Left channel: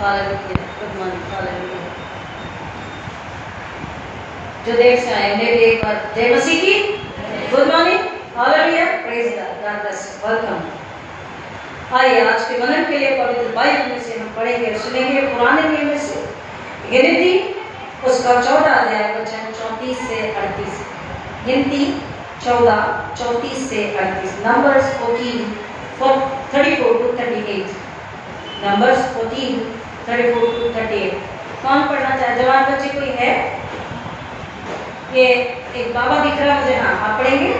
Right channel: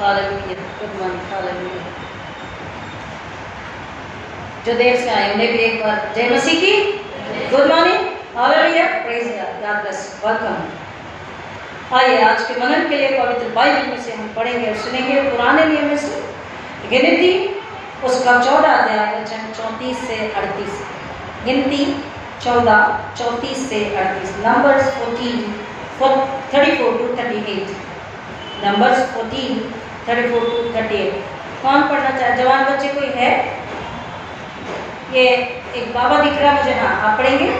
Hallelujah, good morning, hallelujah. जो देर से आए उन्हें भी एक बार जय मसीह की good morning, hallelujah, praise God, God bless you, welcome. आइए आज के मनन के लिए पवित्र बाइबल में से हम पढ़ेंगे और सुनेंगे पुराने नियम में से गिनती उसका 14 अध्याय वचन 34 से 38। गिनती 14 34 से 38। Numbers 34 to 38। Numbers 14 34 to 38। कौन पढ़ना चाहे? जवान बच्चे कोई है? ये एक बाबा दिख रहा है मुझे। हाँ, आप पढ़ेंगे?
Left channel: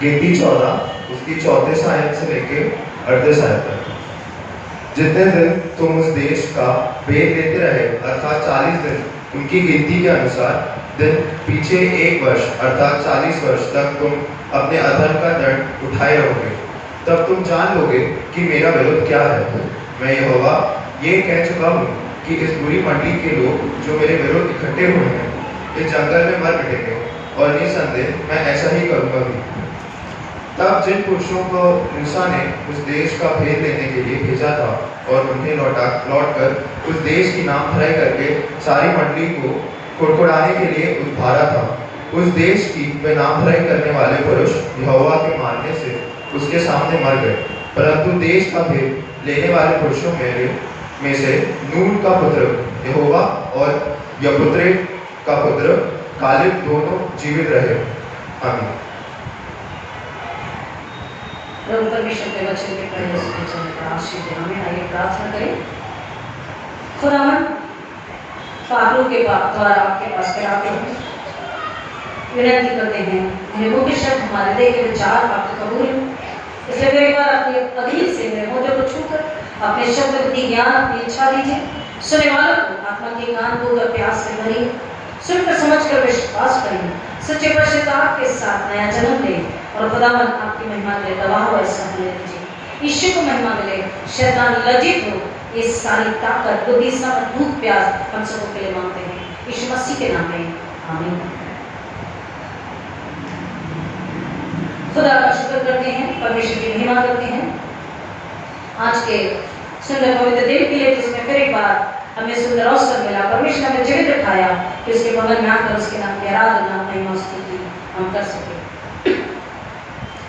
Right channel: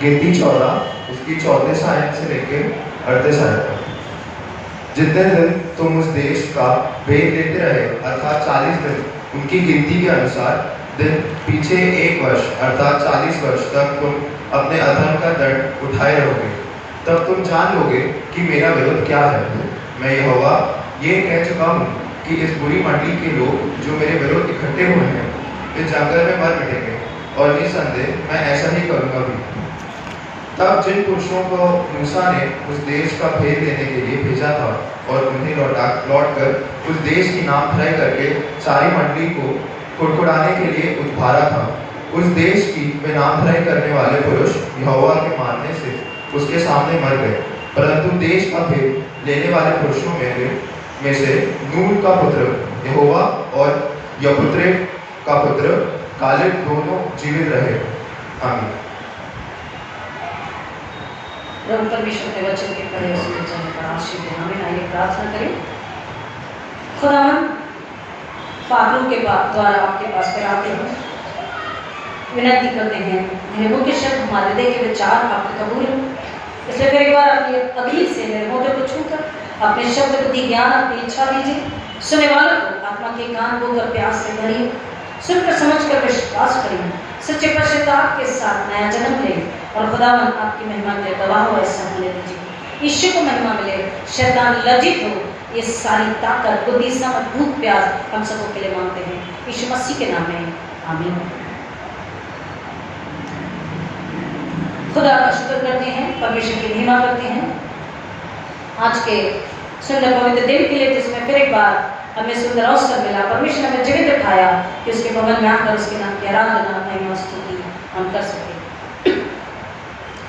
गिनती 14 इसकी 34 आयत से लेके 38 आयत तक। जितने दिन तुम उस देश का भेद लेते रहे अर्थात 40 दिन उनकी गिनती के अनुसार दिन पीछे 1 वर्ष अर्थात 40 वर्ष तक तुम अपने अधर्म का दंड उठाए रहोगे, तब तुम जान लोगे कि मेरा विरोध क्या है। मैं यहोवा ये कह चुका हूँ कि इस बुरी मंडली के लोग जो मेरे विरोध इकट्ठे हुए हैं इस जंगल में मर मिटेंगे और निसंदेह मैं ऐसा ही करूँगा भी। तब जिन पुरुषों को मूसा ने उस देश का भेद लेने के लिए भेजा था और उन्हें लौटकर उस देश की नामधराई करके सारी मंडली को कुड़कुड़ाने के लिए उद्भारा था, उस देश की वे नामधराई करने वाले पुरुष यहोवा के मानने से उसके सामने मर गए। परंतु देश का भेद लेने वाले पुरुषों में से नून का पुत्र यहोवा और यपुत्रे का पुत्र कालेब दोनों जीवित रहे। आमीन। प्रभु परमेश्वर के वचन के पढ़े उसके वचन का आशीष देना। हमें आइए प्रार्थना करें। खुदावन पापों के द्वारा आपके पास फिर आते हैं, विनती करते हैं मेरे मुंह के शब्द हमारे हृदय के विचार आपके कबूल, इसलिए मेरी बार अपनी अधीन से मेरे मोटे को छूकर अपने शब्द बुद्धि ज्ञान अपनी इच्छा दीजिए। सुनने वालों को आत्मा के कान बोकर प्यास से भरिए, सुनकर समझकर विश्वास करिए, सच्चे पश्चाताप के साथ नया जन्म ले और खुदावन आपकी महिमा के गवाह हो ऐसा होने दीजिए। ईश्वर को महिमा मिले, शैतान लज्जित हो। ये सारी ताकत बुद्धि समझ भूख प्यास हम सबों के लिए मांगते हैं यीशु मसीह के नाम में, आमीन। खुदा का शुक्र करते हैं, परमेश्वर की महिमा करते हैं आज के सुंदर पवित्र दिन के लिए, जिसमें फिर एक बार हमें सुंदर अवसर मिला। परमेश्वर ने हमें जीवित रखाया कि उसके भवन में आकर उसके नाम की आराधना महिमा स्तुति हम कर सके।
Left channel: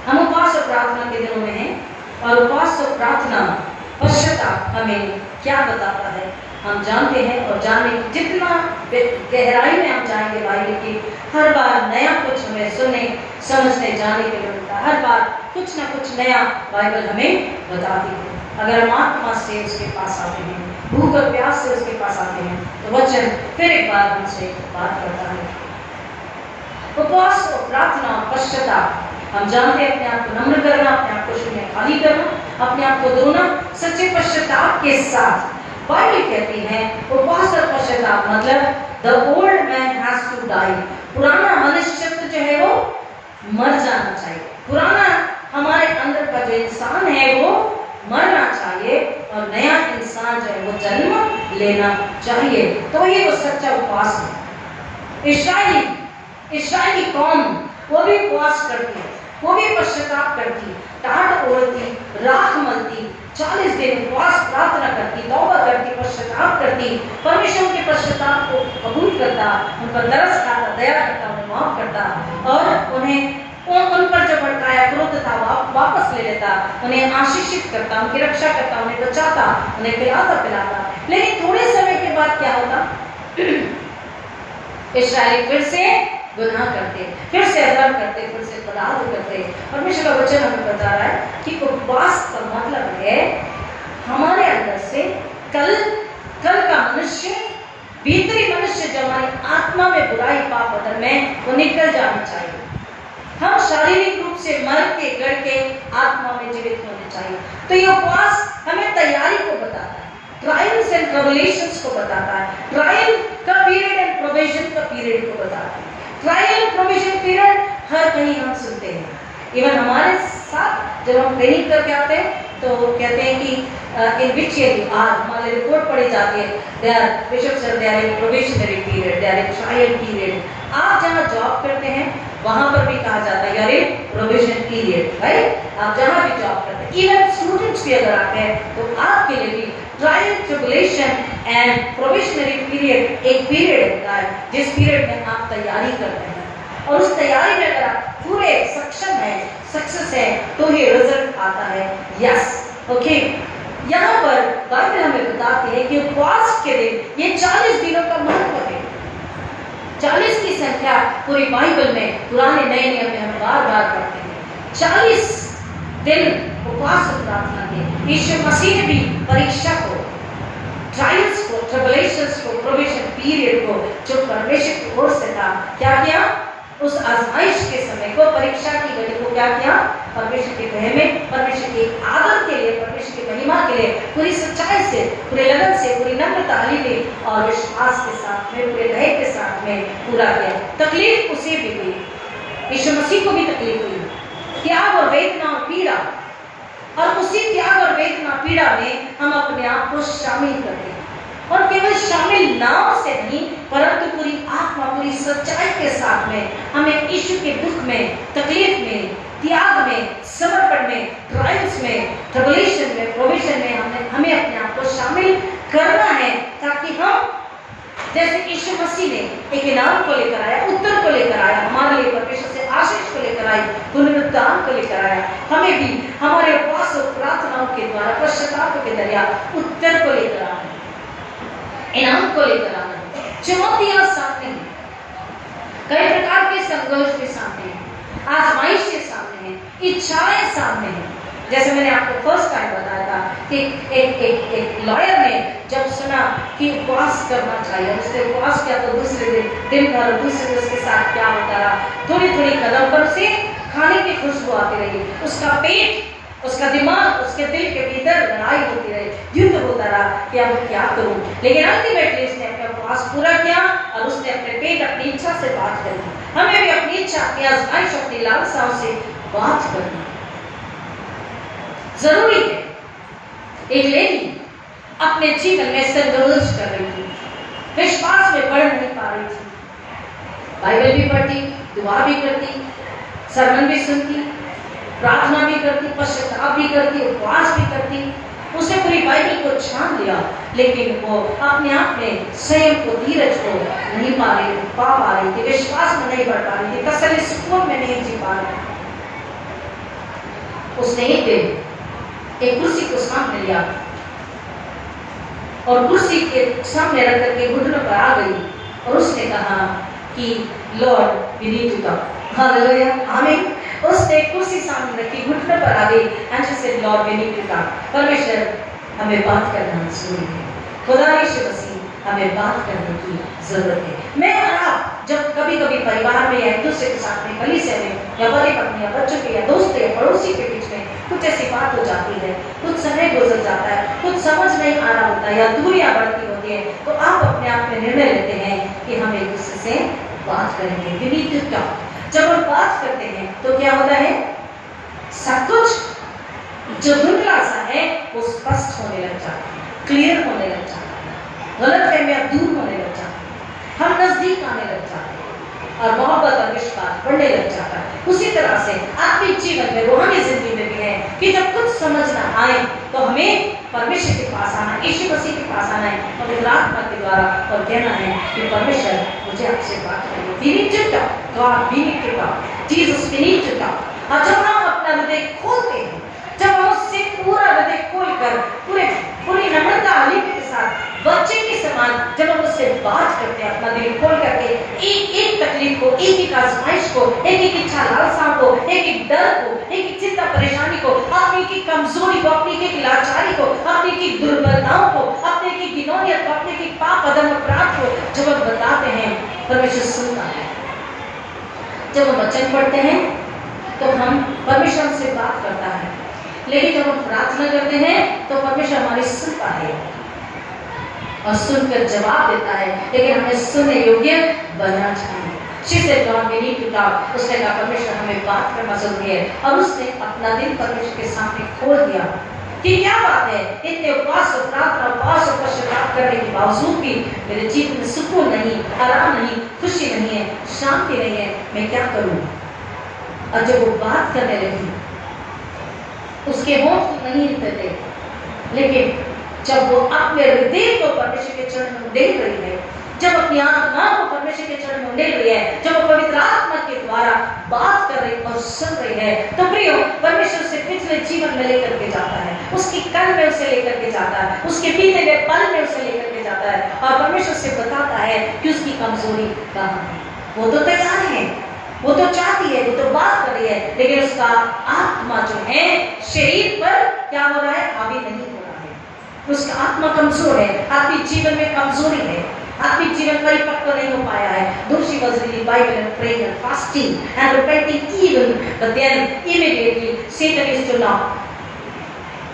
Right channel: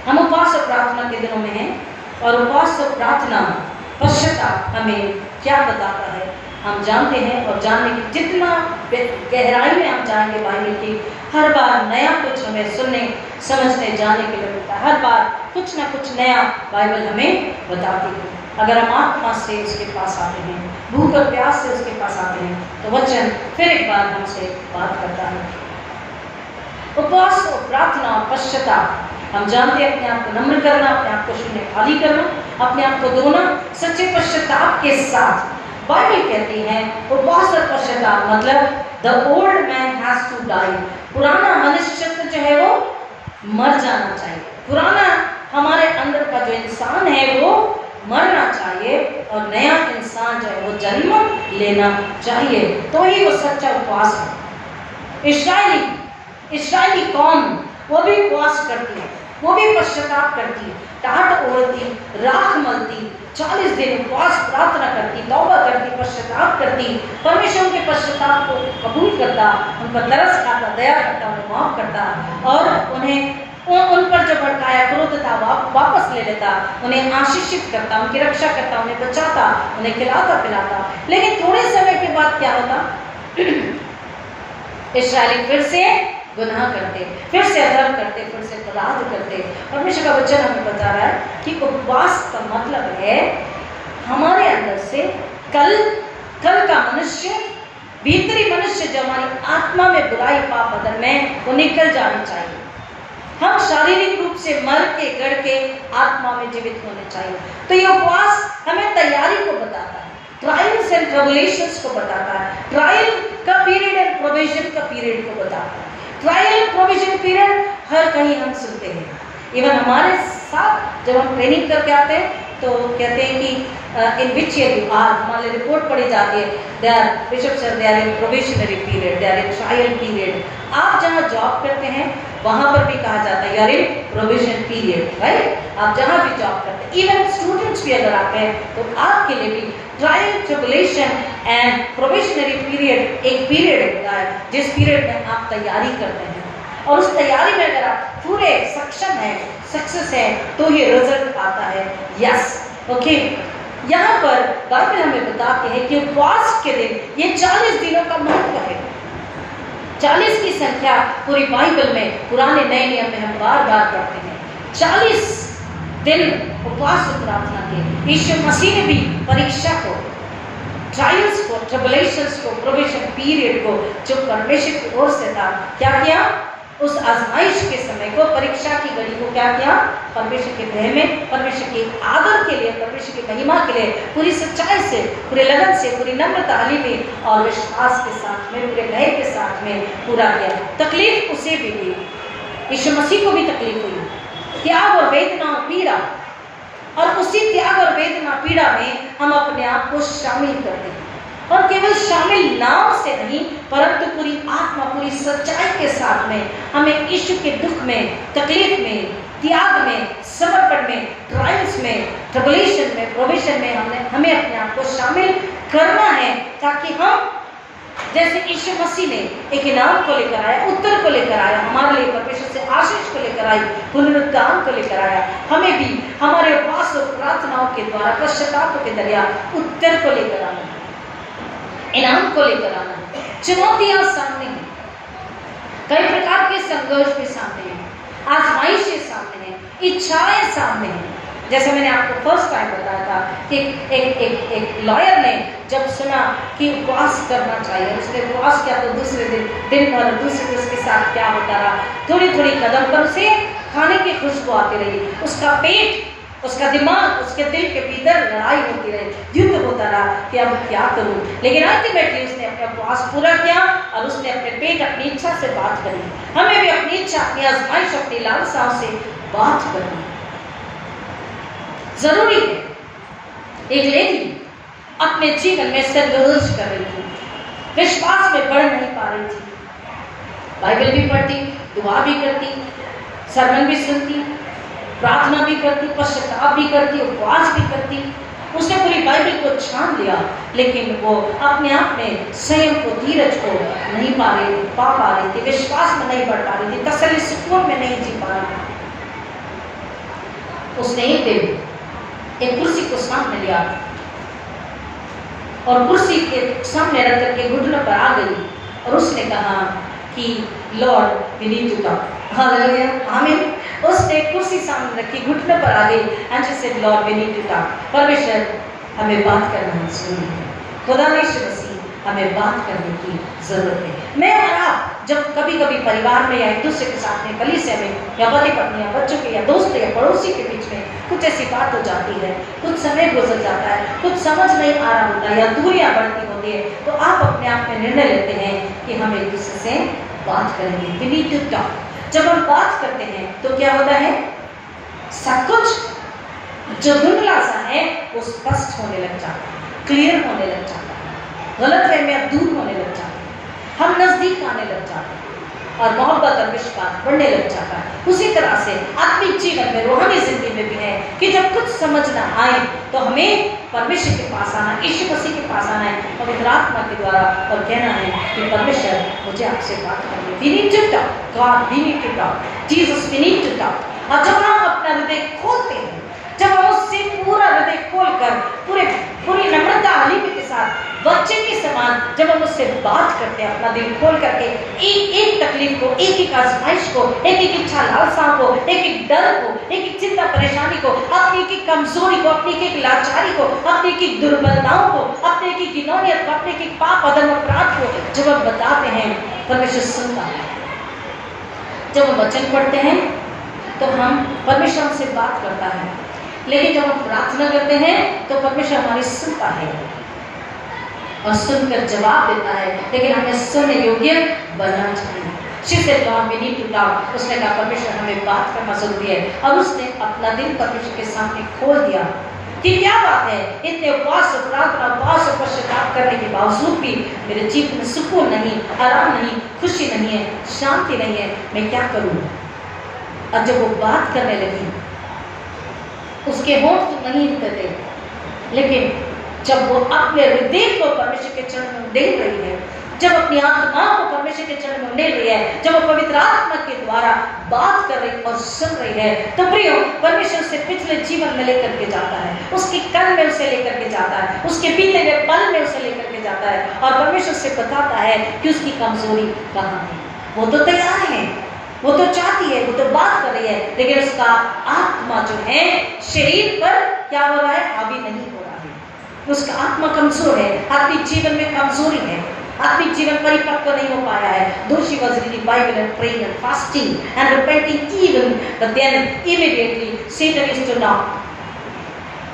हम उपवास और प्रार्थना के दिनों में हैं और उपवास और प्रार्थना पश्चाताप हमें क्या बताता है हम जानते हैं, और जानने की जितना गहराई में हम जाएंगे बाइबल की, हर बार नया कुछ हमें सुनने समझने जानने के लिए मिलता है। हर बार कुछ ना कुछ नया बाइबल हमें बताती है। अगर हम आत्मा से उसके पास आते हैं, भूख और प्यास से उसके पास आते हैं, तो वचन फिर एक बार हमसे बात करता है। उपवास और प्रार्थना और पश्चाताप हम जानते हैं अपने आप को नम्र करना, अपने आप को शून्य खाली करना, अपने आप को धोना सच्चे पश्चाताप के साथ। बाइबल कहती है उपवास और पश्चाताप मतलब the old man has to die. पुराना मनुष्य जो है वो मर जाना चाहिए। पुराना हमारे अंदर का जो इंसान है वो मरना चाहिए और नया इंसान जो है वो जन्म लेना चाहिए, तो ही वो सच्चा उपवास है। इस्राएली कौम वो भी उपवास करती है, वो भी पश्चाताप करती, टाट ओढ़ती, राख मलती, 40 दिन उपवास प्रार्थना करती, तौबा करती, पश्चाताप करती, परमेश्वर के पश्चाताप को कबूल करता, उन पर तरस खाता, दया करता, उन्हें माफ करता और उन्हें उन पर जो भड़काया क्रोध था वापस ले लेता, उन्हें आशीषित करता, उनकी रक्षा करता, उन्हें बचाता, उन्हें खिलाता पिलाता। लेकिन थोड़े समय के बाद क्या होता? इस्राएली फिर से गुनाह करते, फिर से अधर्म करते, फिर से अपराध करते। परमेश्वर का वचन हमें बता रहा है कि उपवास का मतलब है हमारे अंदर से कल का मनुष्य, भीतरी मनुष्य जो हमारी आत्मा में बुराई पाप बदन में वो निकल जानी चाहिए। हम शारीरिक रूप से मर के गड़ के आत्मा में जीवित होने चाहिए। तो ये उपवास हमें तैयारी को बताता है, ट्रायल्स एंड ट्रबुलेशंस को बताता है, ट्रायल का पीरियड एंड प्रोविजन का पीरियड को बताता है। ट्रायल प्रोविजन पीरियड हर कहीं हम सुनते हैं, इवन हमारे साथ जब हम ट्रेनिंग करके आते हैं तो कहते हैं कि in which year you are, हमारी रिपोर्ट पढ़ी जाती है, they are bishop sir, they are in probationary period, they are in trial period. आप जहाँ जॉब करते हैं वहां पर भी कहा जाता है यार प्रोबेशन पीरियड, राइट। आप जहाँ भी जॉब करते हैं, इवन स्टूडेंट्स भी अगर आते हैं तो आपके लिए भी trial, tribulation and probationary period एक पीरियड होता है जिस पीरियड में आप तैयारी करते हैं, और उस तैयारी में अगर आप पूरे सक्षम है, सक्सेस है, तो ये रिजल्ट आता है। Yes, okay. यहाँ पर बाइबल हमें बताती है कि उपवास के दिन ये 40 दिनों का महत्व है। 40 की संख्या पूरी बाइबल में, पुराने नए नियम में हम बार बार पढ़ते हैं। 40 दिन उपवास और प्रार्थना के यीशु मसीह ने भी परीक्षा को, ट्रायल्स को, ट्रिबुलेशंस को, प्रोविजन पीरियड को जो परमेश्वर की ओर से था, क्या किया? उस आजमाइश के समय को, परीक्षा की घड़ी को क्या किया? परमेश्वर के भय में, परमेश्वर के आदर के लिए, परमेश्वर की महिमा के लिए पूरी सच्चाई से, पूरे लगन से, पूरी नम्रता में और विश्वास के साथ में, पूरे भय के साथ में पूरा किया। तकलीफ उसे भी हुई, यीशु मसीह को भी तकलीफ हुई, त्याग और वेदना और पीड़ा, और उसी त्याग और वेदना पीड़ा में हम अपने आप को शामिल करते हैं। और केवल शामिल नाम से नहीं, परंतु पूरी आत्मा, पूरी सच्चाई के साथ में हमें यीशु के दुख में, तकलीफ में, त्याग में, समर्पण में, ट्रायल्स में, ट्रिबुलेशन में, प्रोविजन में हमें अपने आप को शामिल करना है, ताकि हम जैसे यीशु मसीह ने एक इनाम को लेकर आया, उत्तर को लेकर आया, हमारे लिए परमेश्वर से आशीष को लेकर आई, पुनरुत्थान को लेकर आया, हमें भी हमारे उपवास और प्रार्थनाओं के द्वारा, पश्चाताप के जरिए उत्तर को लेकर आना है, इनाम को लेकर आना है। चुनौतियां सामने हैं, कई प्रकार के संघर्ष भी सामने हैं, आजमाइशें सामने हैं, इच्छाएं सामने हैं। जैसे मैंने आपको फर्स्ट टाइम बताया था कि एक लॉयर ने जब सुना कि उपवास करना चाहिए, उसने उपवास किया तो दूसरे दिन भर, दूसरे दिन उसके साथ क्या होता रहा, थोड़ी थोड़ी कदम पर उसे खाने की खुशबू आती रही, उसका पेट, उसका दिमाग, उसके दिल के भीतर लड़ाई होती रही, युद्ध होता रहा कि अब क्या करूं। लेकिन अल्टीमेटली उसने अपना उपवास पूरा किया और उसने अपने पेट, अपनी इच्छा से बात करी। हमें भी अपनी इच्छा, अपनी आजमाइश, अपनी लालसाओं से बात करनी जरूरी है। एक लेडी अपने जीवन में संघर्ष कर रही थी, विश्वास में बढ़ नहीं पा रही थी, बाइबल भी पढ़ती, दुआ भी करती, सरमन भी सुनती, प्रार्थना भी करती, पश्चाताप भी करती, उपवास भी करती, उसने पूरी बाइबल को छान लिया, लेकिन वो अपने आप में संयम को, धीरज को नहीं पा रही थी, विश्वास में नहीं बढ़ पा रही थी, तसल्ली सुकून में नहीं जी पा रही थी। उसने एक दिन एक कुर्सी को सामने लिया और कुर्सी के सामने रख करके घुटनों पर आ गई और उसने कहा कि lord we need to talk. Hallelujah, आमीन। उसने कुर्सी सामने रखी, घुटनों पर आ गई, and she said lord we need to talk. परमेश्वर हमें बात करना जरूरी है, खुदा यीशु मसीह हमें बात करने की जरूरत है। मैं और आप जब कभी कभी परिवार में या एक दूसरे के साथ में, कलीसिया में, या पति पत्नी या बच्चों के या दोस्त या पड़ोसी के बीच में कुछ ऐसी बात हो जाती है, कुछ समय गुजर जाता है, कुछ समझ नहीं आ रहा होता है या दूरियां बढ़ती होती है, तो आप अपने आप में निर्णय लेते हैं कि हम एक दूसरे से बात करेंगे। We need to talk. जब हम बात करते हैं तो क्या होता है, सब कुछ जो धुंधला सा है वो स्पष्ट होने लग जाता है, क्लियर होने लग जाता है, गलतफहमियां दूर होने लग जाती है, हम नजदीक आने लग जाते हैं और मोहब्बत और विश्वास बढ़ने लग जाता है। उसी तरह से आत्मिक जीवन में, रूहानी जिंदगी में भी है कि जब कुछ समझ ना आए तो हमें परमेश्वर के पास आना, यीशु मसीह के पास आना है, पवित्र आत्मा के द्वारा, और कहना है कि परमेश्वर मुझे आपसे बात करनी है। We need to talk, God, we need to talk, Jesus, we need to talk। और जब हम अपना हृदय खोलते हैं, जब हम उससे पूरा हृदय खोलकर पूरी नम्रता हलीमी के साथ, बच्चे के समान जब हम उससे बात करते हैं, अपना दिल खोल करके, एक एक तकलीफ को, एक एक आजमाइश को, एक एक इच्छा लालसाओं को, एक एक डर को, एक एक चिंता परेशानी को, अपनी एक एक कमजोरी को, अपनी एक एक लाचारी को, अपनी एक एक दुर्बलताओं को, अपने एक एक गिनौनियत को, अपने एक एक पाप, अधर्म, अपराध को जब हम बताते हैं, परमेश्वर सुनता है। जब हम वचन पढ़ते हैं तो हम परमेश्वर हमसे बात करता है, लेकिन जब हम प्रार्थना करते हैं तो परमेश्वर हमारी सुनता है और सुनकर जवाब देता है, लेकिन हमें सुनने योग्य बनना चाहिए। She said, Lord, we need to talk. उसने कहा परमेश्वर हमें बात करना जरूरी है। और उसने अपना दिल परमेश्वर के सामने खोल दिया कि क्या बात है, इतने उपवास और प्रार्थना, उपवास और पश्चाताप करने के बावजूद भी मेरे जीवन में सुकून नहीं, आराम नहीं, खुशी नहीं है, शांति नहीं है, मैं क्या करूं? और जब वो बात करने लगी, उसके होंठ तो नहीं हिलते थे, लेकिन जब वो अपने हृदय को परमेश्वर के चरण में उंडेल रही है, जब अपनी आत्मा को परमेश्वर के चरण में उंडेल रही है, जब वो पवित्र आत्मा के द्वारा बात कर रही और सुन रही है, तो प्रियो परमेश्वर उसे पिछले जीवन में लेकर के जाता है, उसके कल में उसे लेकर के जाता है, उसके बीते हुए पल में उसे लेकर के जाता है और परमेश्वर से बताता है कि उसकी कमजोरी कहाँ है। वो तो तैयार है, वो तो चाहती है, वो तो बात कर रही है, लेकिन उसका आत्मा जो है शरीर पर क्या हो रहा है, हावी नहीं हो रहा है। उसका आत्मा कमजोर है, आत्मिक जीवन में कमजोरी है, आत्मिक जीवन परिपक्व नहीं हो पाया है। Though she was reading Bible and praying and fasting and repenting even, but then immediately Satan is to knock.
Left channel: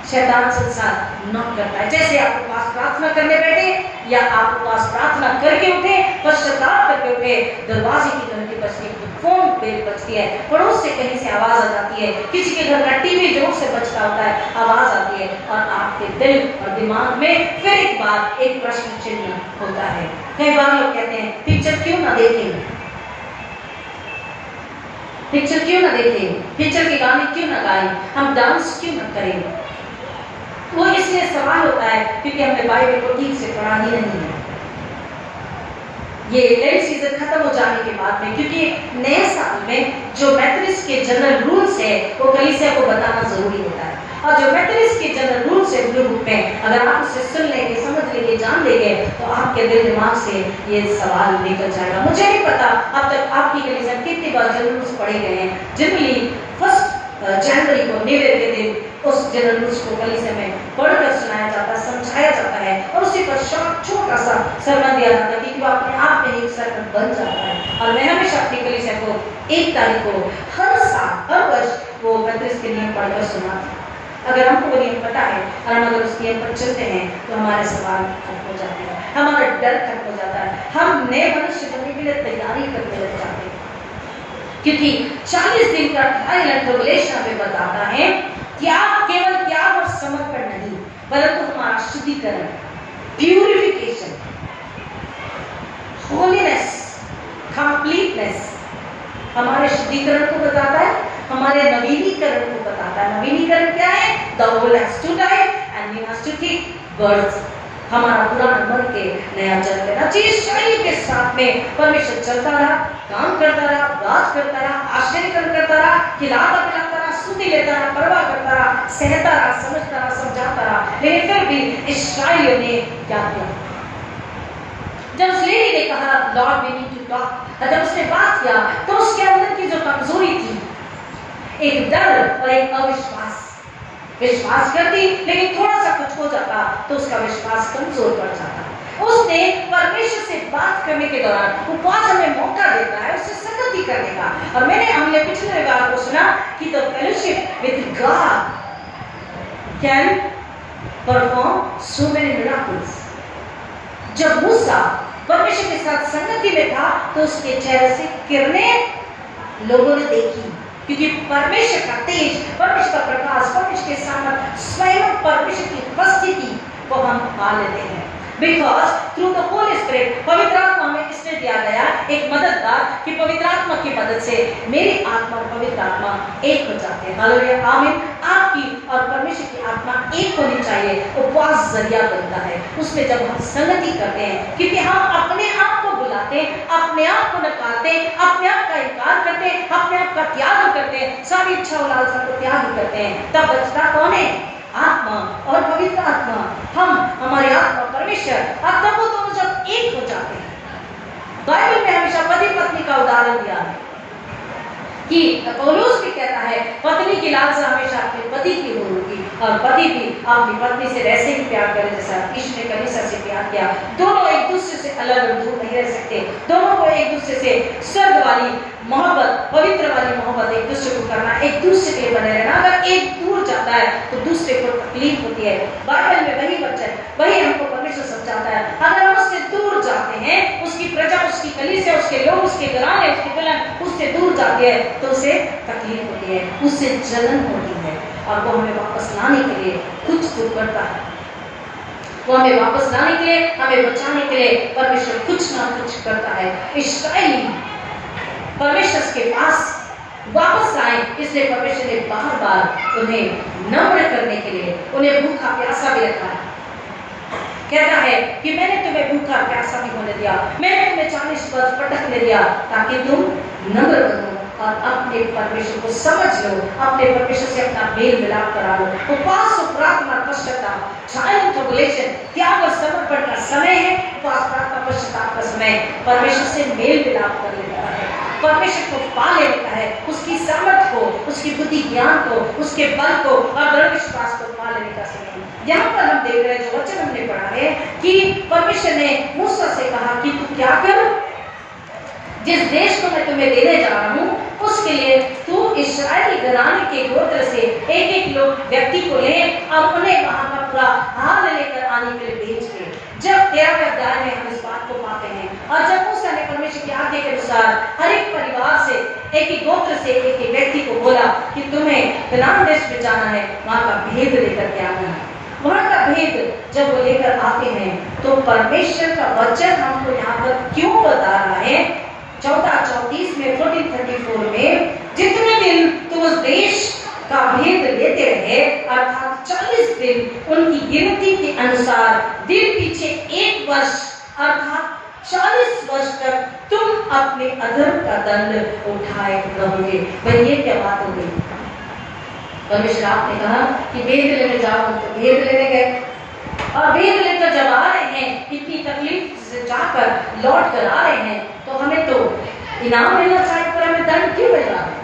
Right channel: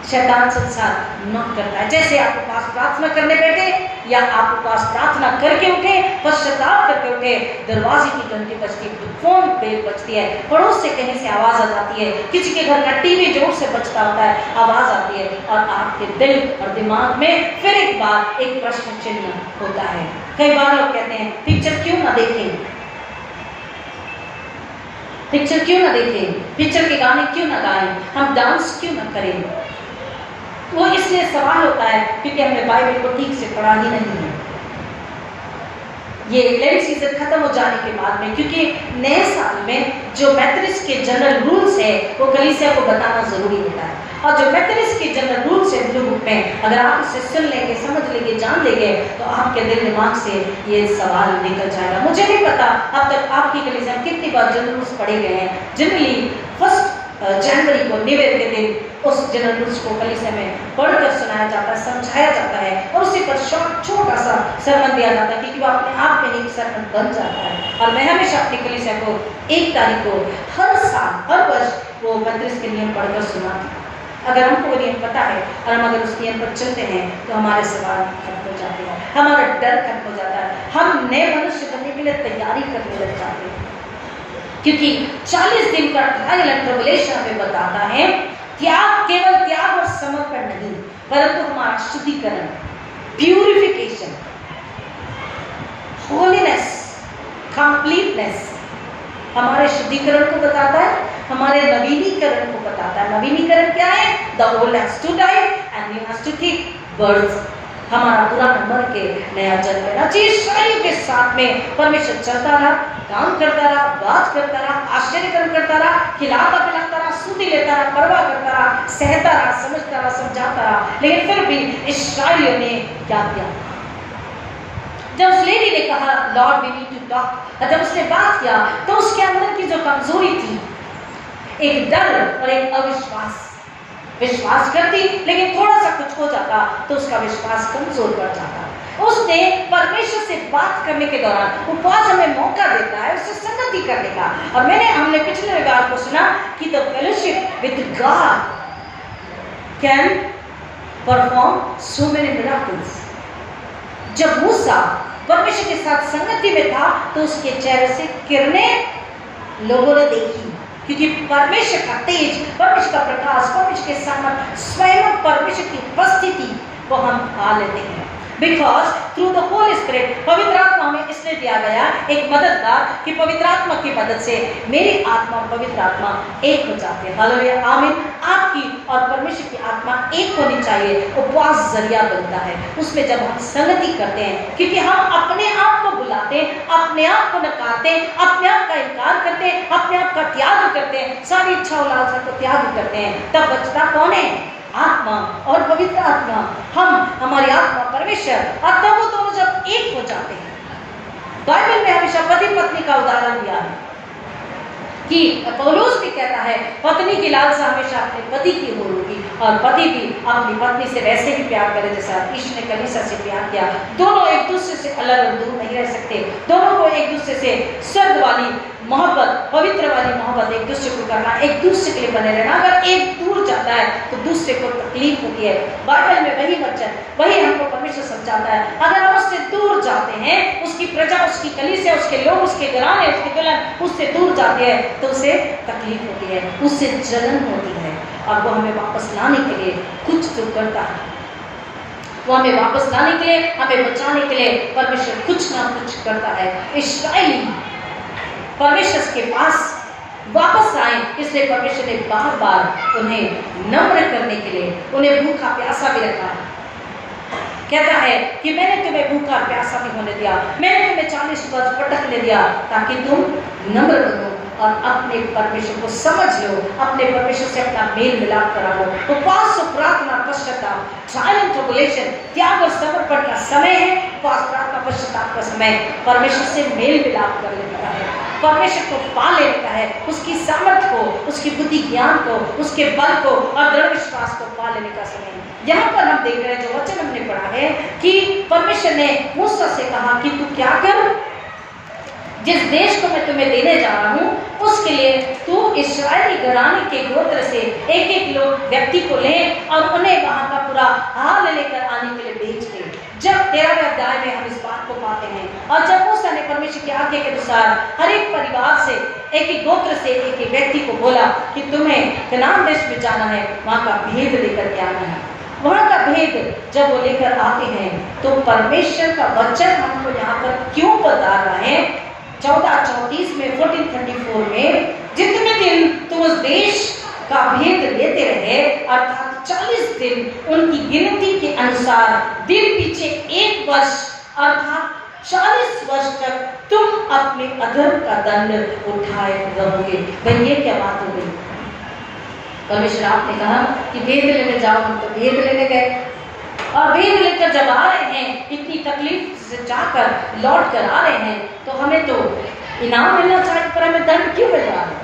शैतान संसार नॉक करता है। जैसे आप उपवास प्रार्थना करने बैठे या आप उपवास प्रार्थना करके उठे, पश्चाताप करके उठे, दरवाजे की घंटी बजती है, फोन बेल बजती है, पड़ोस से कहीं से आवाज आ जाती है, किसी के घर का टीवी जोर से बजता होता है, आवाज आती है और आपके दिल और दिमाग में फिर एक बार एक प्रश्न चिन्ह होता है। कई बार लोग कहते हैं पिक्चर क्यों ना देखें, पिक्चर क्यों ना देखें, पिक्चर के गाने क्यों ना गाएं, हम डांस क्यों ना करें। वो इसलिए सवाल होता है क्योंकि हमने बाइबल को ठीक से पढ़ा ही नहीं है। ये लेंट सीजन खत्म हो जाने के बाद में, क्योंकि नए साल में जो मेथोडिस्ट के जनरल रूल्स है वो कलीसिया को बताना जरूरी होता है। और जो मेथोडिस्ट के जनरल रूल्स है ब्लू बुक में, अगर आप उसे सुन लेंगे, समझ लेंगे, जान लेंगे, तो आपके दिल दिमाग से ये सवाल निकल जाएगा। मुझे नहीं पता अब तक आपकी कलीसिया में कितनी बार जनरल रूल्स पढ़े गए हैं। जनरली 1 जनवरी को न्यू ईयर के दिन उस जनरल रूल्स को कलीसिया में पढ़कर सुनाया जाता है, समझाया जाता है और उसी पर छोटा सा सरमन दिया जाता है, क्योंकि वो अपने आप में एक सरमन बन जाता है। और मैं हमेशा अपनी कलीसिया को 1 तारीख को हर साल, हर वर्ष वो 35 के नियम पढ़कर सुनाती हूँ। अगर हमको वो नियम पता है और हम अगर उस नियम पर चलते हैं तो हमारे सवाल खत्म हो जाते हैं, हमारा डर खत्म हो जाता है, हम नए मनुष्य बनने के लिए तैयारी करने लग जाते हैं। क्योंकि 40 दिन का ट्रायल एंड ट्रिबुलेशन में बताता है त्याग, केवल त्याग और समर्पण नहीं, परंतु हमारा शुद्धिकरण, प्यूरिफिकेशन, होलीनेस, कंप्लीटनेस हमारे शुद्धिकरण को बताता है, हमारे नवीनीकरण को बताता है। नवीनीकरण क्या है? The old has to die and new has to take birth। हमारा पुराना मर के नया जन्म लेना चाहिए। शरीर के साथ में परमेश्वर चलता रहा, काम करता रहा, बात करता रहा, आश्चर्य करता रहा, खिलाता पिलाता रहा, सुधी लेता रहा, परवाह करता रहा, सहता रहा, समझता रहा, समझाता रहा, लेकिन फिर भी इस्राएलियों ने क्या किया? जब उस लेडी ने कहा lord we need to talk, जब उसने बात किया तो उसके अंदर की जो कमजोरी थी, एक डर और एक अविश्वास, विश्वास करती लेकिन थोड़ा सा कुछ हो जाता तो उसका विश्वास कमजोर पड़ जाता। उसने परमेश्वर से बात करने के दौरान उपवास हमें मौका देता है उससे संगति करने का। और हमने पिछले बार को सुना कि the fellowship with God can perform so many miracles. जब मूसा परमेश्वर के साथ संगति में था तो उसके चेहरे से किरणें लोगों ने देखी, क्योंकि परमेश्वर का तेज, परमेश्वर का प्रकाश, परमेश्वर के सामने स्वयं परमेश्वर की उपस्थिति को हम पा लेते हैं। Because through the Holi spirit, पवित्र आत्मा में इसलिए दिया गया एक मददगार कि पवित्र आत्मा की मदद से मेरी आत्मा और पवित्र आत्मा एक हो जाते हैं। हालेलुया, आमीन। आपकी और परमेश्वर की आत्मा एक होनी चाहिए। उपवास जरिया बनता है उसमें जब हम संगति करते हैं, क्योंकि हम अपने आप को बुलाते हैं, अपने आप को नकारते हैं, अपने आप का इनकार करते हैं, अपने आप का त्याग करते हैं, सारी इच्छा और लालसा को त्याग करते हैं, तब बचता कौन है? आत्मा और पवित्र आत्मा। हमारी आत्मा परमेश्वर और तब वो दोनों जब एक हो जाते हैं। बाइबल में हमेशा पति पत्नी का उदाहरण दिया है कि पौलुस भी कहता है पत्नी की लालसा हमेशा अपने पति की होगी और पति भी अपनी पत्नी से वैसे ही प्यार करे जैसा यीशु ने कलीसिया से प्यार किया। दोनों एक दूसरे से अलग और दूर नहीं रह सकते, दोनों को एक दूसरे से स्वर्ग वाली मोहब्बत, पवित्र वाली मोहब्बत एक दूसरे को करना, एक दूसरे के लिए बने रहना। अगर एक दूर जाता है तो दूसरे को तकलीफ होती है। बाइबल में वही वचन, वही हमको परमेश्वर समझाता है, अगर हम उससे दूर जाते हैं, उसकी प्रजा, उसकी कलीसिया, उसके लोग, उसके घराने, उसके दुल्हन उससे दूर जाते हैं तो उसे तकलीफ होती है, उससे जलन होती है, और वो हमें वापस लाने के लिए कुछ तो करता है। वो हमें वापस लाने के लिए, हमें बचाने के लिए परमेश्वर कुछ ना कुछ करता है। इस्राएली परमेश्वर के पास वापस आए, इसलिए परमेश्वर ने बार बार उन्हें नम्र करने के लिए उन्हें भूखा प्यासा भी रखा है। कहता है कि मैंने तुम्हें भूखा प्यासा नहीं होने दिया, मैंने तुम्हें 40 वर्ष भटकने दिया, ताकि तुम नम्र बनो और अपने परमेश्वर को समझ लो, अपने परमेश्वर से अपना मेल मिलाप करा लो। उपवास और प्रार्थना पश्चाताप, ट्रायल एंड ट्रिबुलेशन, त्याग और समर्पण का समय है। उपवास प्रार्थना पश्चाताप का समय परमेश्वर से मेल मिलाप कर लेता है, परमेश्वर को पा लेता है, उसकी सामर्थ को, उसकी बुद्धि ज्ञान को, उसके बल को और दृढ़ विश्वास को पा लेने का समय। यहाँ पर हम देख रहे हैं, जो वचन हमने पढ़ा है कि परमेश्वर ने मूसा से कहा कि तू क्या कर, जिस देश को मैं तुम्हें देने जा रहा हूँ उसके लिए तू इस्राएली घराने के गोत्र से एक एक लोग व्यक्ति को ले और उन्हें वहां का पूरा हाल लेकर आने के लिए भेज दे। जब 13वें अध्याय में हम इस बात को पाते हैं, और जब मूसा ने परमेश्वर की आज्ञा के अनुसार हर एक परिवार से एक एक गोत्र से एक एक व्यक्ति को बोला कि तुम्हें कनान देश में जाना है, वहां का भेद लेकर के आना है। वहां का भेद जब वो लेकर आते हैं तो परमेश्वर का वचन हमको यहाँ पर क्यों बता रहा है? 14:34 में 14:34 में, जितने दिन तुम उस देश का भेद लेते रहे, अर्थात 40 दिन उनकी गिनती के अनुसार, दिन पीछे 1 वर्ष, अर्थात 40 वर्ष तक तुम अपने अधर्म का दंड उठाए रहोगे। भाई ये क्या बात हो गई? परमेश्वर आपने कहा कि भेद लेने जाओ, तो भेद लेने गए, और भेद लेकर जब आ रहे हैं, इतनी तकलीफ से जाकर लौट कर आ रहे हैं, तो हमें तो इनाम मिलना चाहिए, पर हमें दंड क्यों मिल रहा है?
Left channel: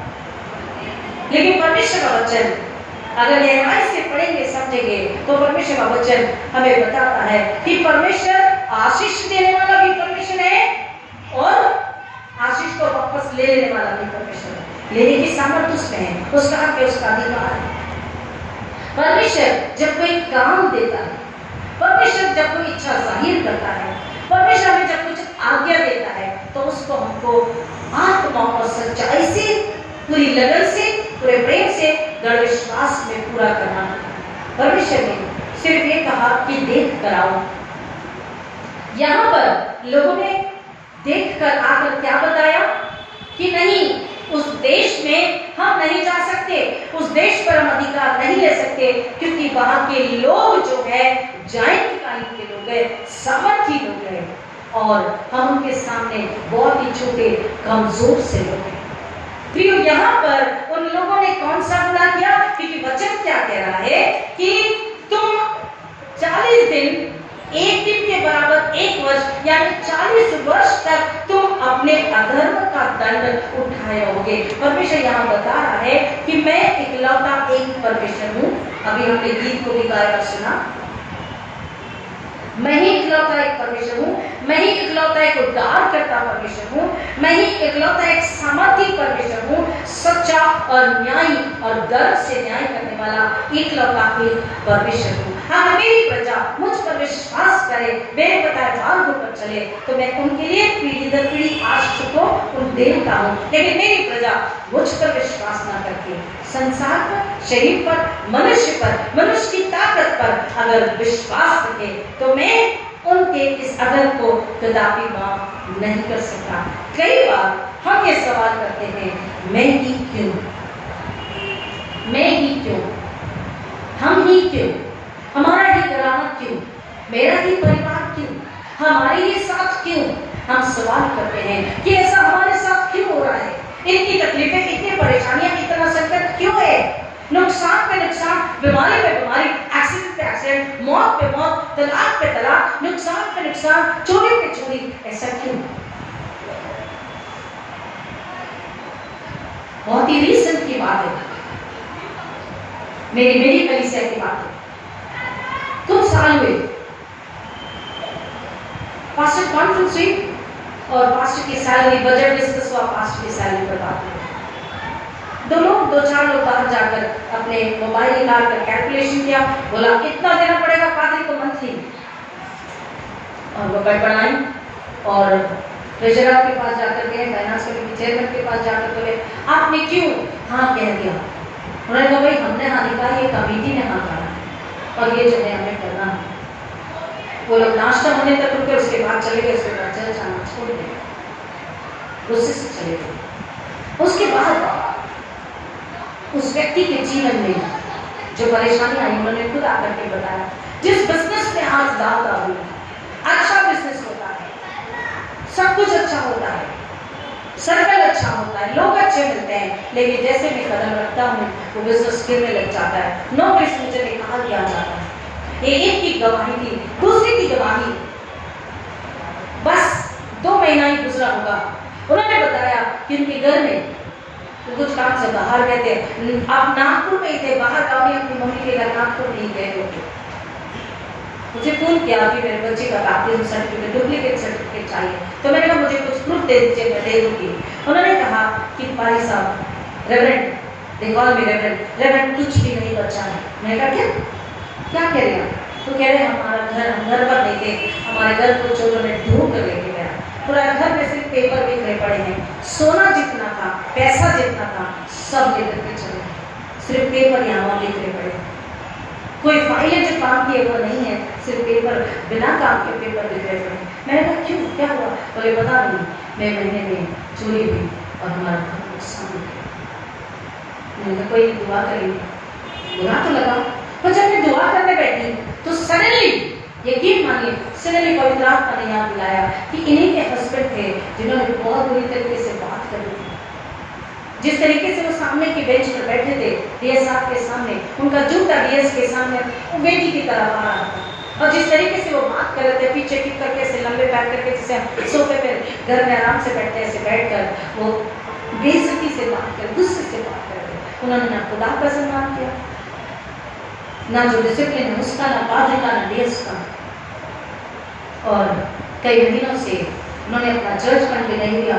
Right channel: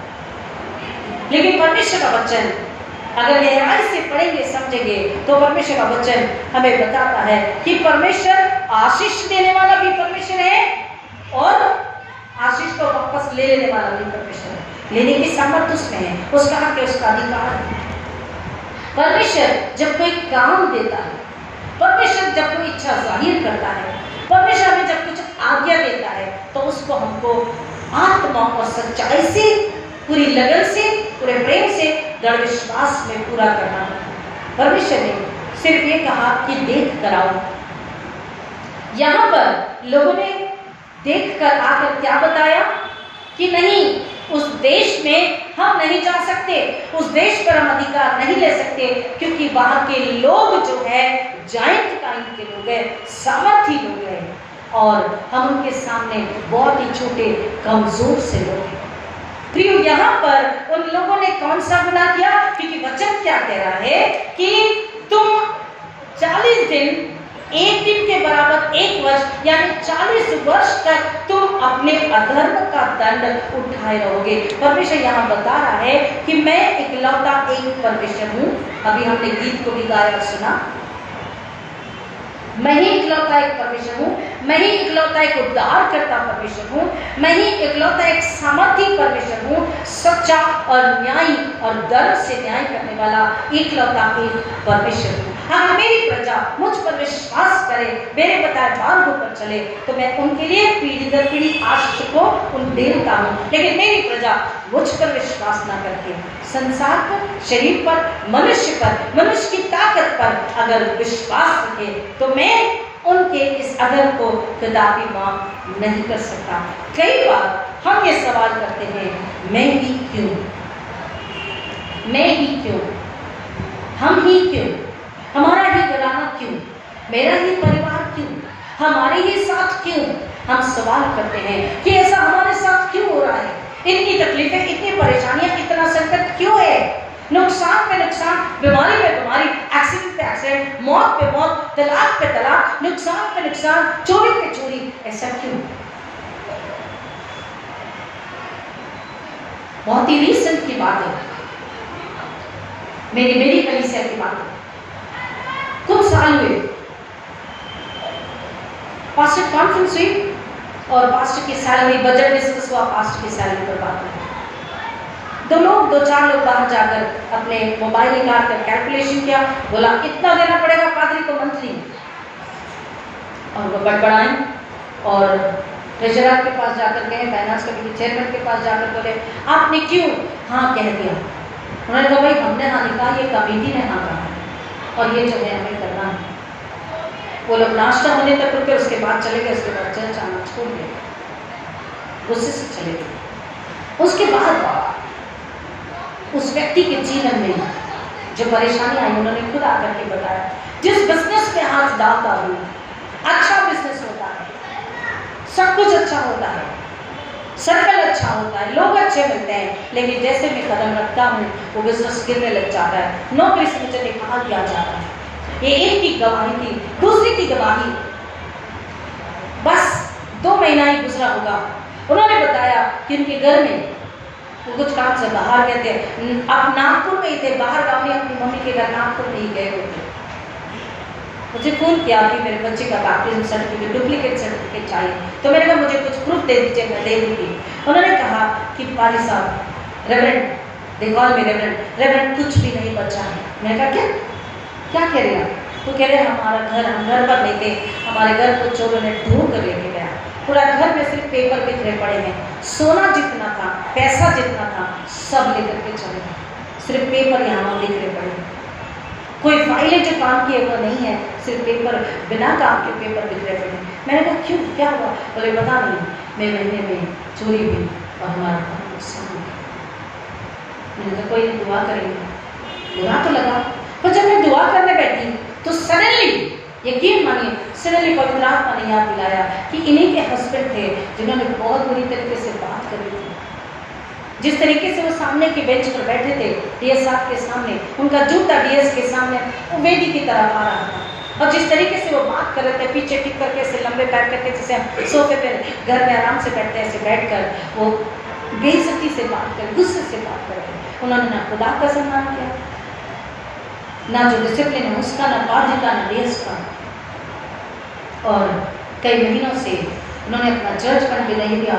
लेकिन परमेश्वर का वचन अगर गहराई से पढ़ेंगे समझेंगे तो परमेश्वर का वचन हमें बताता है कि परमेश्वर आशीष देने वाला भी परमेश्वर है और आशीष को वापस ले लेने वाला भी परमेश्वर है। लेने की सामर्थ्य उसमें है, उसका हक है, उसका अधिकार है। परमेश्वर जब कोई काम देता है, परमेश्वर जब कोई इच्छा जाहिर करता है, परमेश्वर हमें जब कुछ आज्ञा देता है, तो उसको हमको आत्मा और सच्चाई से, पूरी लगन से, पूरे प्रेम से, दृढ़ विश्वास में पूरा करना है। परमेश्वर ने सिर्फ ये कहा कि देख कर आओ। यहाँ पर लोगों ने देख कर आकर क्या बताया कि नहीं, उस देश में हम नहीं जा सकते, उस देश पर हम अधिकार नहीं ले सकते, क्योंकि वहां के लोग जो है जाइंट काइंड के लोग हैं, सामर्थी लोग हैं, और हम उनके सामने बहुत ही छोटे कमजोर से लोग हैं। प्रियो, यहाँ पर उन लोगों ने कौन सा गुनाह किया? क्योंकि वचन क्या कह रहा है कि तुम 40 दिन, एक दिन के बराबर 1 वर्ष, यानी 40 वर्ष तक तुम अपने अधर्म का दंड उठाए रहोगे। परमेश्वर यहाँ बता रहा है कि मैं इकलौता एक परमेश्वर हूँ। अभी हमने गीत को भी गाया और सुना, मैं ही इकलौता एक परमेश्वर हूँ, मैं ही इकलौता एक उद्धार करता परमेश्वर हूँ, मैं ही इकलौता एक सामर्थी परमेश्वर हूँ, सच्चा और न्यायी और दर्द से न्याय करने वाला इकलौता एक परमेश्वर हूँ। अगर मेरी प्रजा मुझ पर विश्वास करे, मेरे बताए मार्गों पर चले, तो मैं उनके लिए पीढ़ी दर पीढ़ी आशीष को उन देता हूँ। लेकिन मेरी प्रजा मुझ पर विश्वास न करके संसार पर, शरीर पर, मनुष्य की ताकत पर अगर विश्वास रखे, तो मैं उनके इस अधर्म को कदापि माफ नहीं कर सकता। कई बार हम ये सवाल करते हैं, मैं ही क्यों, मैं ही क्यों, हम ही क्यों, हमारा ही घराना क्यों, मेरा ही परिवार क्यों, हमारे ही साथ क्यों? हम सवाल करते हैं कि ऐसा हमारे साथ क्यों हो रहा है, इतनी तकलीफें, इतनी परेशानियां, इतना संकट क्यों है, नुकसान पे नुकसान, बीमारी पे बीमारी, एक्सीडेंट पे एक्सीडेंट, मौत पे मौत, तलाक पे तलाक, नुकसान पे नुकसान, चोरी पे चोरी, ऐसा क्यों? बहुत ही रीसेंट की बात है, मेरी कलीसिया की बात है। कुछ साल हुए, पास्टर कॉन्फ्रेंस हुई और पास्टर की सैलरी, बजट डिस्कस हुआ, पास्टर की सैलरी पर बात हुई। 2 लोग, 2-4 लोग बाहर जाकर अपने मोबाइल निकाल कर कैलकुलेशन किया, बोला इतना देना पड़ेगा पादरी को मंथली। और वो बड़बड़ाई और ट्रेजरर के पास जाकर गए, फाइनेंस कमेटी चेयरमैन के पास जाकर बोले आपने क्यों हाँ कह दिया। उन्होंने कहा भाई हमने हाँ नहीं कहा, ये कमेटी ने हाँ कहा और ये जो है हमें करना है। वो लोग नाश्ता होने तक रुके, उसके बाद चले गए, उसके बाद चल जाना छोड़ गए, गुस्से से चले गए। उसके बाद उस व्यक्ति के जीवन में जो परेशानी आई उन्होंने खुद आकर के बताया, जिस बिजनेस में आज डालता हूँ अच्छा बिजनेस होता है, सब कुछ अच्छा होता है, सर्कल अच्छा होता है, लोग अच्छे मिलते हैं, लेकिन जैसे मैं कदम रखता हूँ वो बिजनेस गिरने लग जाता है, नौकरी से मुझे निकाल दिया जाता है। ये एक की गवाही थी, दूसरी की गवाही बस 2 महीना ही गुजरा होगा। उन्होंने बताया कि उनके घर में वो कुछ काम से बाहर गए थे, अब नागपुर में ही थे, बाहर गाँव में अपनी मम्मी के घर नागपुर में ही गए थे। मुझे फोन किया कि मेरे बच्चे का बाप्तिज्म सर्टिफिकेट, डुप्लीकेट सर्टिफिकेट चाहिए, तो मैंने कहा मुझे कुछ प्रूफ दे दीजिए, मैं दे दूंगी। उन्होंने कहा कि पाली साहब reverend, they call me reverend, कुछ भी नहीं बचा है। मैंने कहा क्या कह रहे हैं? तो कह रहे हमारा घर, हम घर पर लेके, हमारे घर को चोरों ने ढूंढ कर लेके गया, पूरा घर में सिर्फ पेपर बिखरे पड़े हैं, सोना जितना था, पैसा जितना था, सब लेकर के चले गए, सिर्फ पेपर यहाँ बिखरे पड़े हैं, कोई फाइलें जो काम की है वो नहीं है, सिर्फ पेपर, बिना काम के पेपर बिखरे पड़े हैं। मैंने कहा क्यों, क्या हुआ? बोले पता नहीं, मैं महीने में चोरी हुई और हमारा घर नुकसान हो गया। मैंने कहा कोई दुआ करेंगे, बुरा तो लगा, पर जब मैं दुआ करने बैठी तो सडनली, यकीन मानिए, सडनली पवित्र आत्मा ने याद दिलाया कि इन्हीं के हस्बैंड थे जिन्होंने बहुत बुरी तरीके से बात करी थी। जिस तरीके से वो सामने की बेंच पर बैठे थे, डीएस साहब के सामने, उनका जूता डीएस के सामने वो वेदी की तरफ आ रहा था, और जिस तरीके से वो बात कर रहे थे, पीछे टिक करके ऐसे लंबे बैठ करके, जैसे हम सोफे पे घर में आराम से बैठते हैं, ऐसे बैठकर वो बेइज्जती से बात कर, गुस्से से बात करके, उन्होंने ना खुदा का सम्मान किया, ना जो डिसिप्लिन है उसका, ना पादरी का, ना डीएस का। और कई महीनों से उन्होंने अपना चर्च बन के नहीं किया,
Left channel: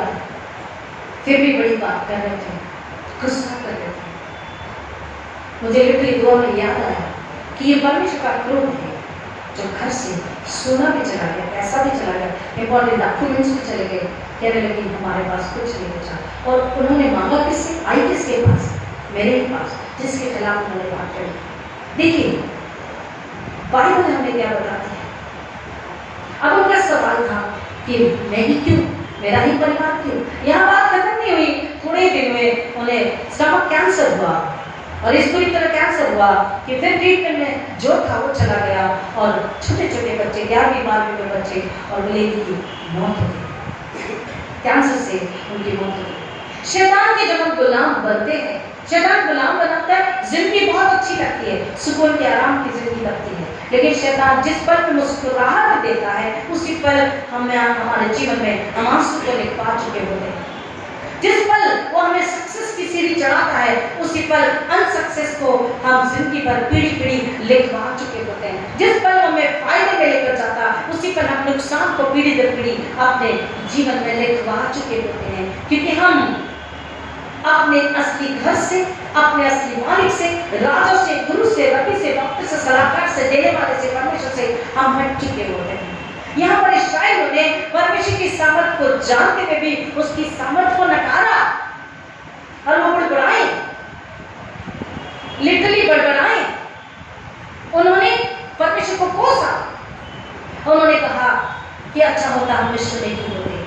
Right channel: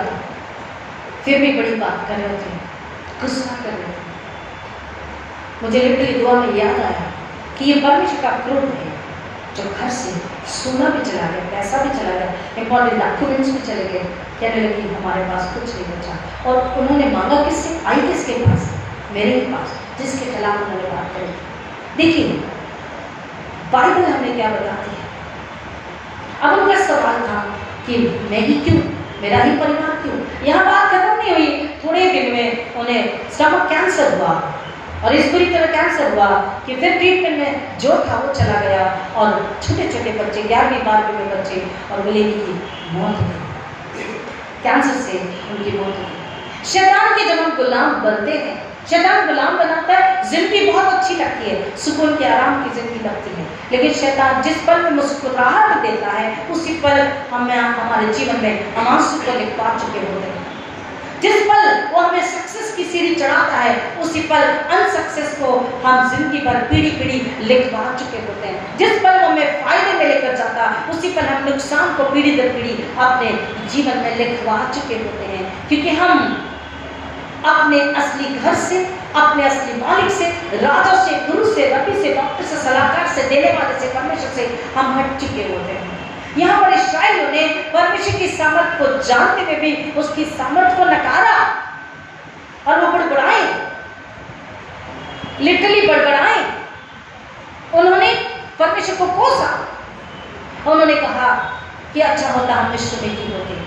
फिर भी बड़ी बात कर रहे थे, गुस्सा कर रहे थे। मुझे लिटरली दुआ में याद आया कि ये परमेश्वर का क्रोध है जो घर से सोना भी चला गया, पैसा भी चला गया, इंपॉर्टेंट डॉक्यूमेंट्स भी चले गए, कहने लगी हमारे पास कुछ नहीं बचा। और उन्होंने मांगा किससे? आई किसके पास? मेरे ही पास, जिसके खिलाफ उन्होंने बात करी। देखिए बाइबल हमें क्या बताती है। अब उनका सवाल था कि मैं ही क्यों, मेरा ही परिवार क्यों? यहाँ बात खत्म नहीं हुई, थोड़े दिन में उन्हें स्टमक कैंसर हुआ, और इस बुरी तरह कैंसर हुआ कि फिर ट्रीटमेंट में जो था वो चला गया, और छोटे छोटे बच्चे, 11वीं 12वीं में बच्चे, और बोले की मौत हो गई, कैंसर से उनकी मौत हो गई। शैतान के जब हम गुलाम बनते हैं, शैतान गुलाम बनाता है, जिंदगी बहुत अच्छी लगती है, सुकून के आराम की जिंदगी लगती है, लेकिन शैतान जिस पल में मुस्कुराहट देता है उसी पल हमें, हमारे जीवन में हम आंसू को लिखवा चुके होते हैं। जिस पल वो हमें सक्सेस की सीढ़ी चढ़ाता है उसी पल अनसक्सेस को हम जिंदगी भर पीढ़ी पीढ़ी लिखवा चुके होते हैं। जिस पल वो हमें फायदे में लेकर जाता है उसी पल हम नुकसान को पीढ़ी दर पीढ़ी अपने जीवन में लिखवा चुके होते हैं, क्योंकि हम अपने असली घर से, अपने असली मालिक से, राजा से, गुरु से, रबी से, डॉक्टर से, सलाहकार से, देने वाले से, परमेश्वर से हम हट चुके होते हैं। यहाँ पर इस्राएलियों ने परमेश्वर की सामर्थ को जानते हुए भी उसकी सामर्थ को नकारा और वो बड़बड़ाए, लिटरली बड़बड़ाए। उन्होंने परमेश्वर को कोसा, उन्होंने कहा कि अच्छा होता हम मिस्र में ही होते,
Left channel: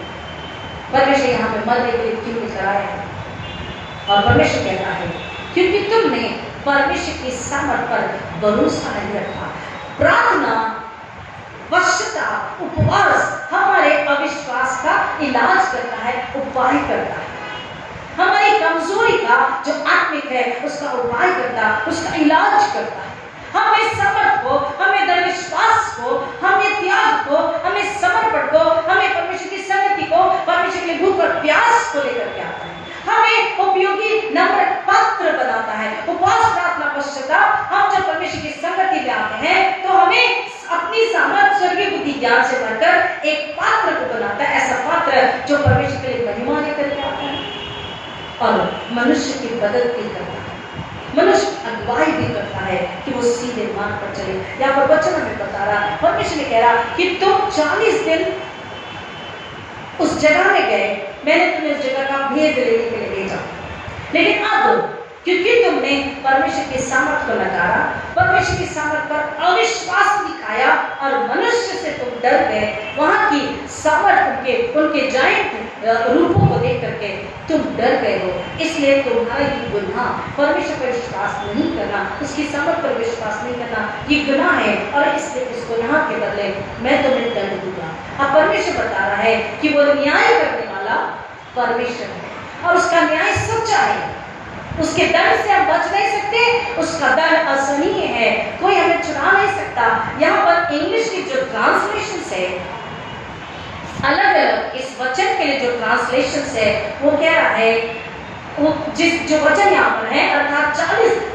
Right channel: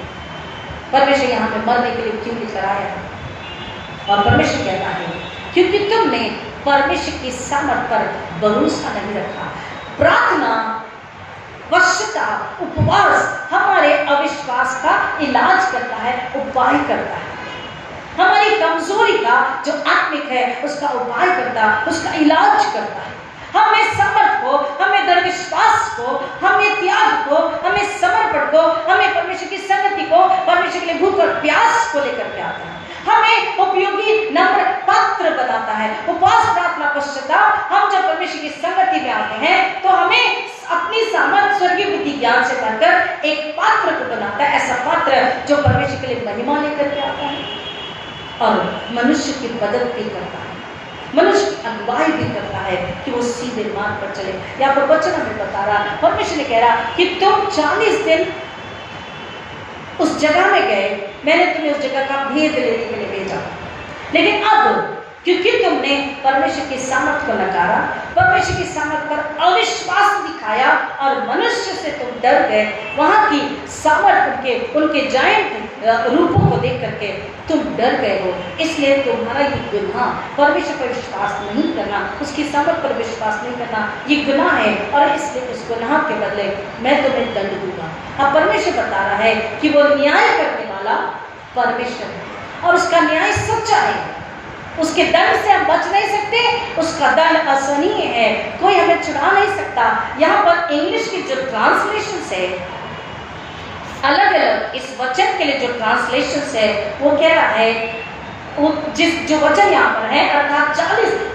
परमेश्वर यहाँ पे मरने के लिए क्यों लेकर आया है? और परमेश्वर कहता है क्योंकि तुमने परमेश्वर की सामर्थ पर भरोसा नहीं रखा। प्रार्थना, पश्चाताप, उपवास हमारे अविश्वास का इलाज करता है, उपाय करता है। हमारी कमजोरी का जो आत्मिक है उसका उपाय करता, उसका इलाज करता है। हमें समर्थ को, हमें दृढ़ विश्वास को, हमें त्याग को, हमें समर्पण को, हमें परमेश्वर की संगति को, परमेश्वर के लिए भूख और प्यास को लेकर के आता है। हमें उपयोगी नम्र पात्र बनाता है। उपवास, प्रार्थना, पश्चाताप, हम जब परमेश्वर की संगति में आते हैं तो हमें अपनी सामर्थ, स्वर्गीय बुद्धि, ज्ञान से भरकर एक पात्र को बनाता है, ऐसा पात्र जो परमेश्वर के लिए महिमा लेकर के आता है और मनुष्य की मदद भी करता है, मनुष्य अगुवाई भी करता है, है कि वो सीधे मार्ग पर चले। यहाँ पर वचन हमें बता रहा, परमेश्वर ने कह रहा कि तुम 40 दिन उस जगह में गए, मैंने तुम्हें उस जगह का भेद लेने के लिए भेजा, लेकिन अब क्योंकि तुमने परमेश्वर की सामर्थ को नकारा, परमेश्वर की सामर्थ पर अविश्वास दिखाया और मनुष्य से तुम डर गए, वहां की सामर्थ उनके जायंट रूपों को देख करके तुम डर गए हो, इसलिए तुम्हारा ये गुनाह, परमेश्वर पर विश्वास नहीं करना, उसकी सामर्थ पर विश्वास नहीं करना, ये गुनाह है और इसलिए इस गुनाह के बदले मैं तुम्हें दंड दूंगा। अब परमेश्वर बता रहा है कि वो न्याय करने वाला परमेश्वर है और उसका न्याय सच्चा है, उसके दंड से हम बच नहीं सकते, उसका दंड असहनीय है, कोई हमें चुरा नहीं सकता। यहाँ पर इंग्लिश की जो ट्रांसलेशन है, अलग अलग इस वचन के लिए जो ट्रांसलेशन है, वो कह रहा है, वो जो वचन यहाँ पर है, अर्थात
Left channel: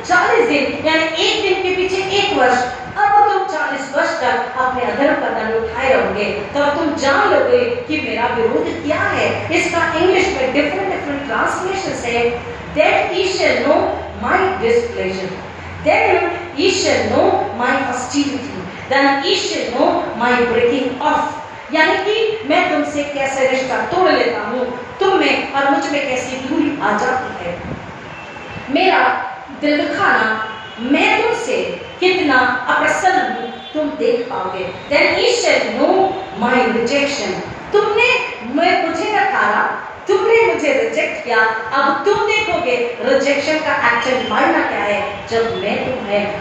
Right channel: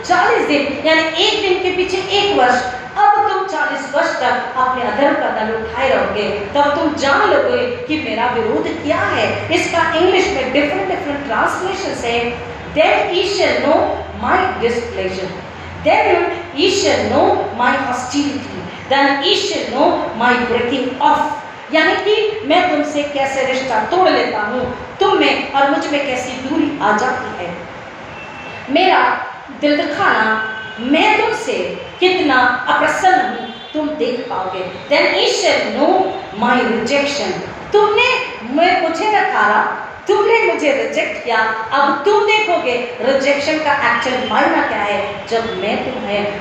40 दिन यानी एक दिन के पीछे 1 वर्ष, अब तुम 40 वर्ष तक अपने अधर्म का दंड उठाए रहोगे, तब तुम जान लोगे कि मेरा विरोध क्या है। इसका इंग्लिश में डिफरेंट ट्रांसलेशन है, then ye shall know my displeasure, then ye shall know my hostility, then ye shall know my breaking off, यानी कि मैं तुमसे कैसे रिश्ता तोड़ लेता हूँ, तुम में और मुझ में कैसी दूरी आ जाती है, मेरा दिल दुखाना, मैं तुमसे कितना अप्रसन्न हूँ तुम देख पाओगे। then ye shall know my rejection, तुमने मुझे नकारा, तुमने मुझे रिजेक्ट किया, अब तुम देखोगे रिजेक्शन का एक्चुअल मायना क्या है, जब मैं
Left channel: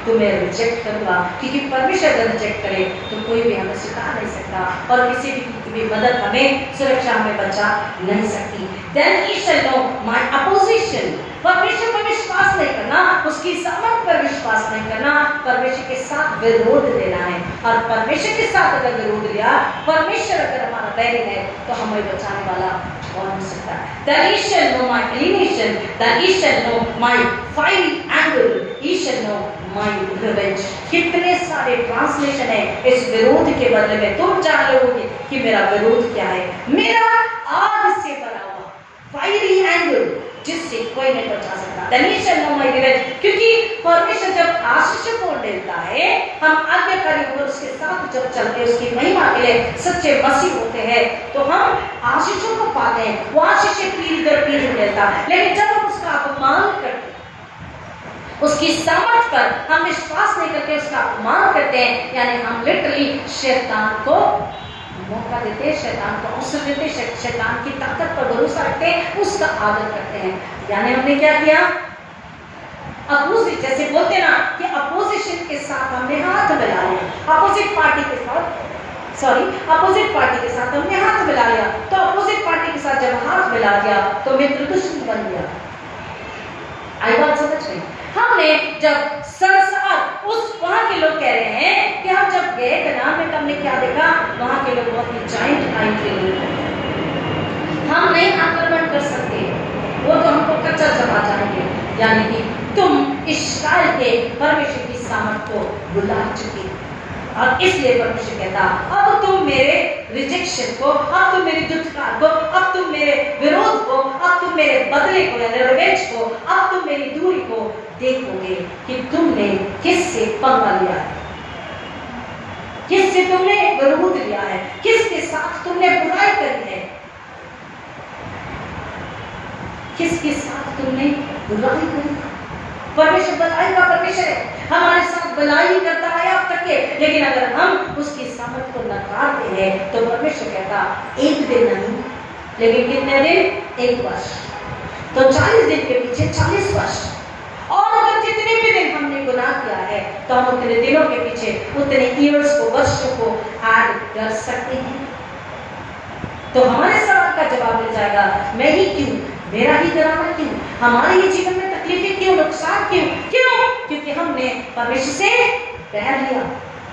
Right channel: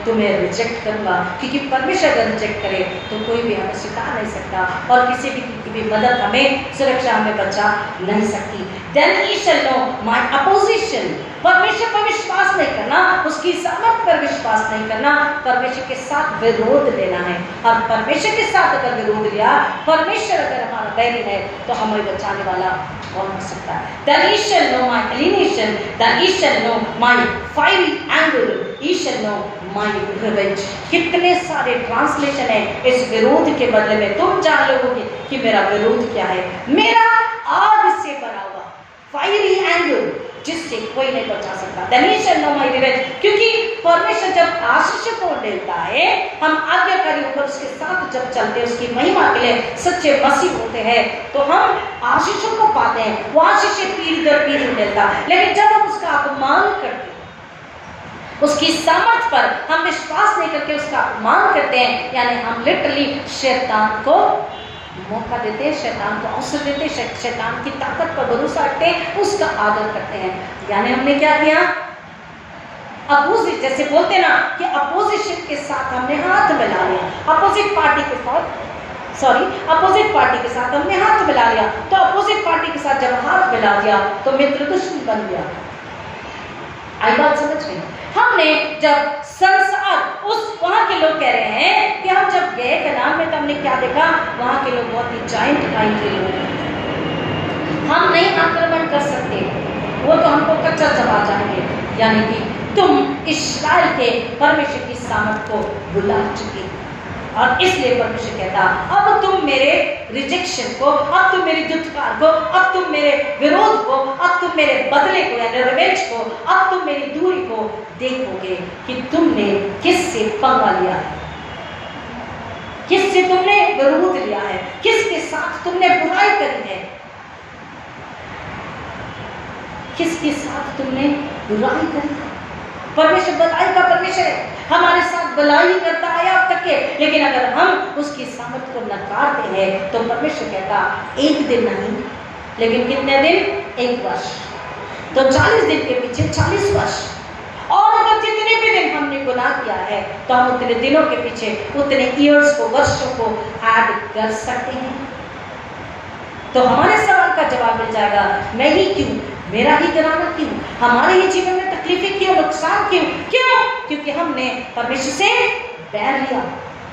तुम्हें रिजेक्ट करूंगा, क्योंकि परमेश्वर अगर रिजेक्ट करे तो कोई भी हमें सिखा नहीं सकता और किसी भी मदद हमें, सुरक्षा हमें बचा नहीं सकती। Then ye shall know my opposition, परमेश्वर पर विश्वास नहीं करना, उसकी सामर्थ पर विश्वास नहीं करना, परमेश्वर के साथ विरोध लेना है, और परमेश्वर के साथ अगर विरोध लिया, परमेश्वर अगर हमारा बैरी है तो हमें बचाने वाला कौन हो सकता है। Then ye shall know my alienation, then ye shall know my fiery anger, ye shall know my revenge। कितने सारे ट्रांसलेशन है इस विरोध के बदले में, तुम जान लोगे कि मेरा विरोध क्या है, मेरा आग से भरा हुआ फायरी एंगर जिससे कोई नहीं बचा सकता। Then ye shall know my revenge, क्योंकि परमेश्वर जब आशीष को देता है, हम आज्ञाकारी होकर उसके साथ जब चलते हैं, उसकी महिमा के लिए सच्चे मसीह होते हैं, तो हम आशीषों को पाते हैं, वो आशीष पीढ़ी दर पीढ़ी मिलता है। लेकिन जब हम उसका अपमान करते हैं, उसकी सामर्थ पर हम विश्वास नहीं करके उसका अपमान करते हैं, यानी हम लिटरली शैतान को मौका देते हैं, शैतान को अवसर देते हैं, शैतान की ताकत पर भरोसा रखते हैं, उसका आदर करते हैं, यानी हमने क्या किया, अपोजिट, जैसे बोलते ना कि अपोजिशन के साथ हमने हाथ मिला लिया, अपोजिट पार्टी के साथ हमने हाथ मिला लिया, तो अपोजिट पार्टी के साथ जब हाथ मिला दिया तो मित्र दुश्मन बन गया। आई बात समझ में? हमने जब संसार, उस वहां के लोग कह रहे हैं कि हम जब गए कनान में तो हमने क्या देखा, वहां के लोग बहुत ही जायंट माइंड के लोग, हम नहीं आक्रमण कर सकते, वो तो हमको कच्चा चबा जाएंगे, यानी कि तुम इस्राएल के परमेश्वर की सामर्थ को भुला चुके, और इसलिए परमेश्वर कहता, अब तुम मेरे रिजेक्शन को, अब तुम मेरी दुष्कार को, अब तुम मेरे विरोध को, अब तुम मेरे बदले को या रिवेंज को, अब तुम मेरी दूरी को देखोगे कि तुमने किससे पंगा लिया है, किससे तुमने विरोध लिया है, किसके साथ तुमने बुराई करी है, किसके साथ तुमने बुराई करी है। परमेश्वर भलाई का परमेश्वर है, हमारे साथ भलाई करता है अब तक के, लेकिन अगर हम उसकी सामर्थ को नकारते हैं तो परमेश्वर कहता, एक दिन नहीं, लेकिन कितने दिन, 1 वर्ष, तो 40 दिन के पीछे 40 वर्ष, और अगर जितने भी दिन हमने गुनाह किया है तो हम उतने दिनों के पीछे उतने ईयर्स को, वर्षों को ऐड कर सकते हैं। तो हमारे सवाल का जवाब मिल जाएगा, मैं ही क्यों, मेरा ही गिरावट क्यों, हमारे ही जीवन में तकलीफें क्यों, नुकसान क्यों, क्योंकि हमने परमेश्वर से बैर लिया,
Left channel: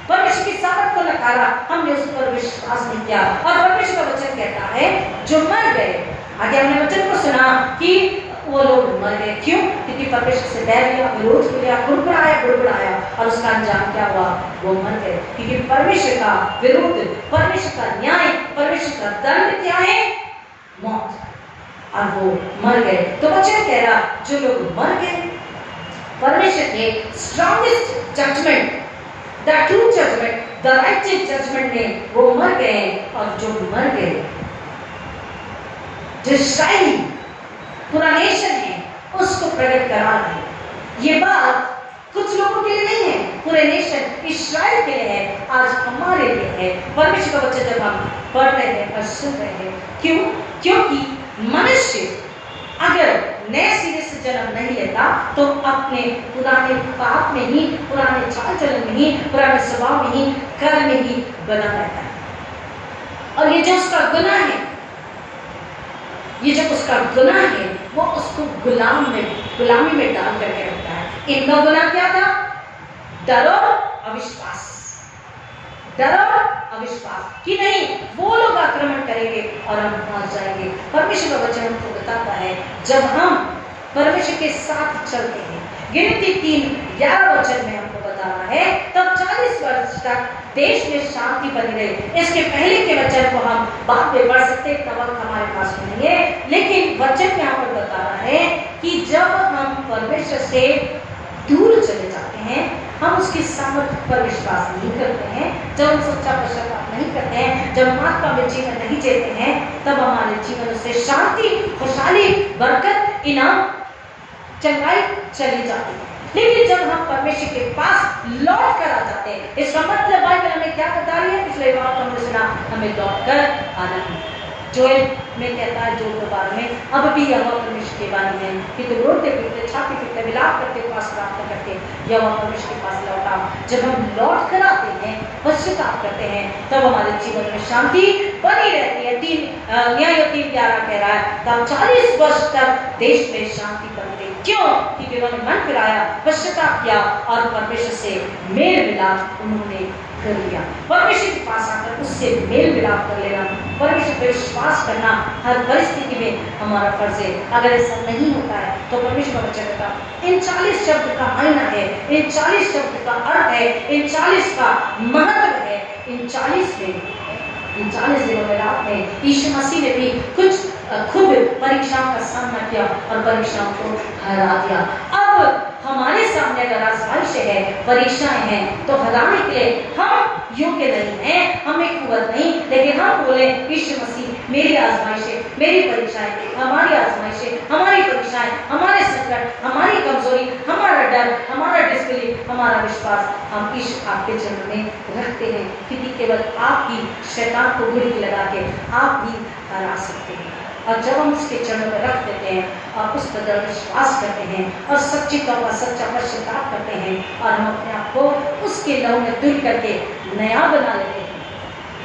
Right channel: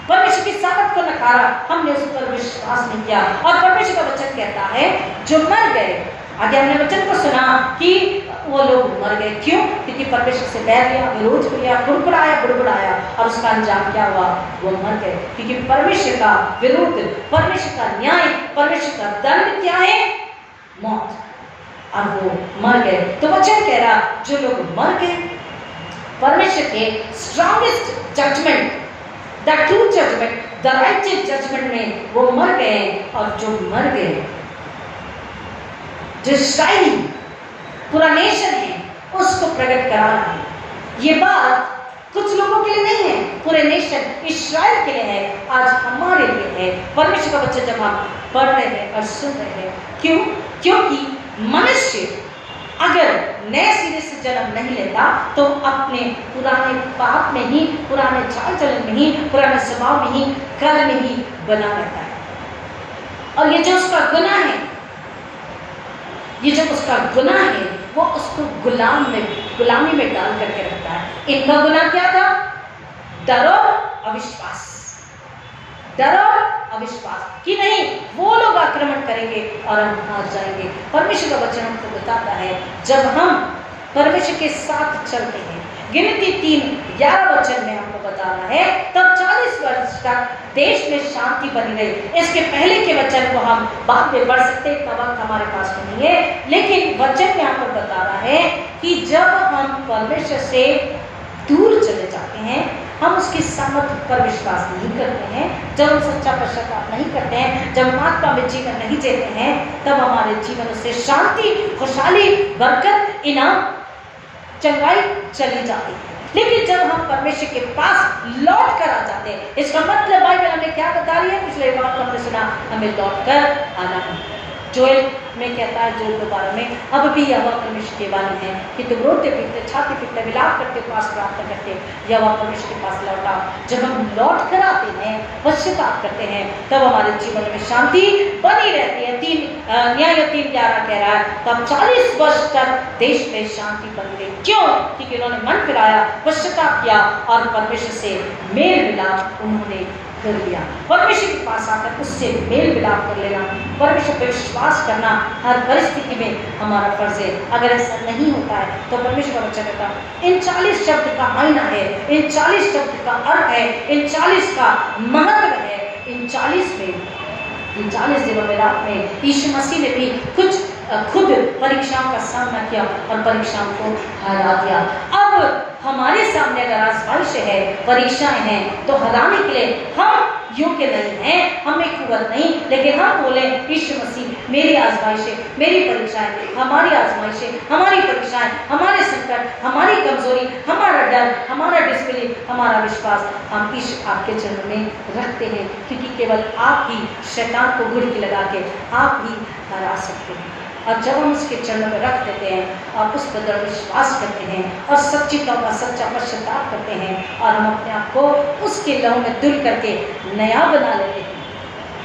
परमेश्वर की सामर्थ को नकारा, हमने उस पर विश्वास नहीं किया। और परमेश्वर का वचन कहता है जो मर गए, आगे हमने वचन को सुना कि वो लोग मर गए, क्यों, क्योंकि परमेश्वर से बैर लिया, विरोध किया, बुड़बुड़ाया, और उसका अंजाम क्या हुआ, वो मर गए, क्योंकि परमेश्वर का विरोध, परमेश्वर का न्याय, परमेश्वर का दंड क्या है, मौत, और वो मर गए। तो वचन कह रहा जो लोग मर गए परमेश्वर के strongest judgement, the true judgement, the righteous judgement में वो मर गए, और जो मर गए, जो इस्राएली पूरा नेशन है उसको प्रकट करा रहे हैं। ये बात कुछ लोगों के लिए नहीं है, पूरे नेशन इस्राएल के लिए है, आज हमारे लिए है। परमेश्वर का वचन जब हम पढ़ रहे हैं और सुन रहे हैं, क्यों? क्योंकि मनुष्य अगर नए सिरे से जन्म नहीं लेता तो अपने पुराने पाप में ही, पुराने चाल चलन में ही, पुराने स्वभाव में ही, कर्म में ही बना रहता है। और ये जो उसका गुनाह है, ये जो उसका गुनाह है, वो उसको गुलामी में डाल करके रखता है। इनका गुनाह क्या था? डर और अविश्वास, डर और अविश्वास कि नहीं वो लोग आक्रमण करेंगे और हम हार जाएंगे। परमेश्वर का वचन हमको बताता है, जब हम परमेश्वर के साथ चलते हैं, गिनती 3:11 वचन में हमको बता रहा है, तब 40 वर्ष तक देश में शांति बनी रही। इसके पहले के वचन को हम बाद में पढ़ सकते हैं, तब वक्त हमारे पास में नहीं है, लेकिन वचन यहाँ पर बता रहा है कि जब हम परमेश्वर से दूर चले जाते हैं, हम उसकी सामर्थ्य पर विश्वास नहीं करते हैं, जब हम सच्चा पश्चाताप नहीं करते हैं, जब आत्मा में जीवन नहीं जीते हैं, तब हमारे जीवन से शांति, खुशहाली, बरकत, इनाम, चंगाई चली जाती है। लेकिन जब हम परमेश्वर के पास लौट कर आ जाते हैं, इसका मतलब बाइबल हमें क्या बता रही है? पिछले बार हमने सुना, हमें लौट कर आना है। जोएल में कहता है, जोएल 2:12 में, अब भी यहोवा परमेश्वर की वाणी है कि तुम रोते पीटते, छाती पीटते, विलाप करते, पास प्रार्थना करते, यहोवा परमेश्वर के पास लौटा। जब हम लौट कर आते हैं, पश्चाताप करते हैं, तब हमारे जीवन में शांति बनी रहती है। 3:11 कह रहा है, तब 40 वर्ष तक देश में शांति बन गई। क्यों? क्योंकि उन्होंने मन फिराया, पश्चाताप किया और परमेश्वर से मेल मिलाप उन्होंने कर लिया। परमेश्वर के पास आकर उससे मेल मिलाप कर लेना, परमेश्वर पर विश्वास करना हर परिस्थिति में हमारा फर्ज है। अगर ऐसा नहीं होता है तो परमेश्वर का वचन कहता है, इन 40 शब्द का मायना है, इन 40 शब्द का अर्थ है, इन 40 का महत्व है। इन 40 दिनों में, रात में यीशु मसीह ने भी खुद परीक्षाओं का सामना किया और परीक्षाओं को हरा दिया। अब हमारे सामने अगर आजमाइश है, परीक्षाएं हैं, तो हराने के लिए हम योग्य नहीं हैं, हमें कुवत नहीं, लेकिन हम बोले, यीशु मसीह मेरी आजमाइशें, मेरी परीक्षाएं, हमारी आजमाइशें, हमारी परीक्षाएं, हमारे संकट, हमारी कमजोरी, हमारा डर, हमारा डिस्बिलीफ, हमारा विश्वास हम यीशु आपके चरण में रखते हैं, क्योंकि केवल आप ही शैतान को गुड़की लगा के आप ही हरा सकते हैं। और जब हम उसके चरणों में रख देते हैं और उस पर विश्वास करते हैं और सच्ची तौबा, सच्चा पश्चाताप करते हैं और हम अपने आप को उसके लहू में धुल करके नया बना लेते हैं,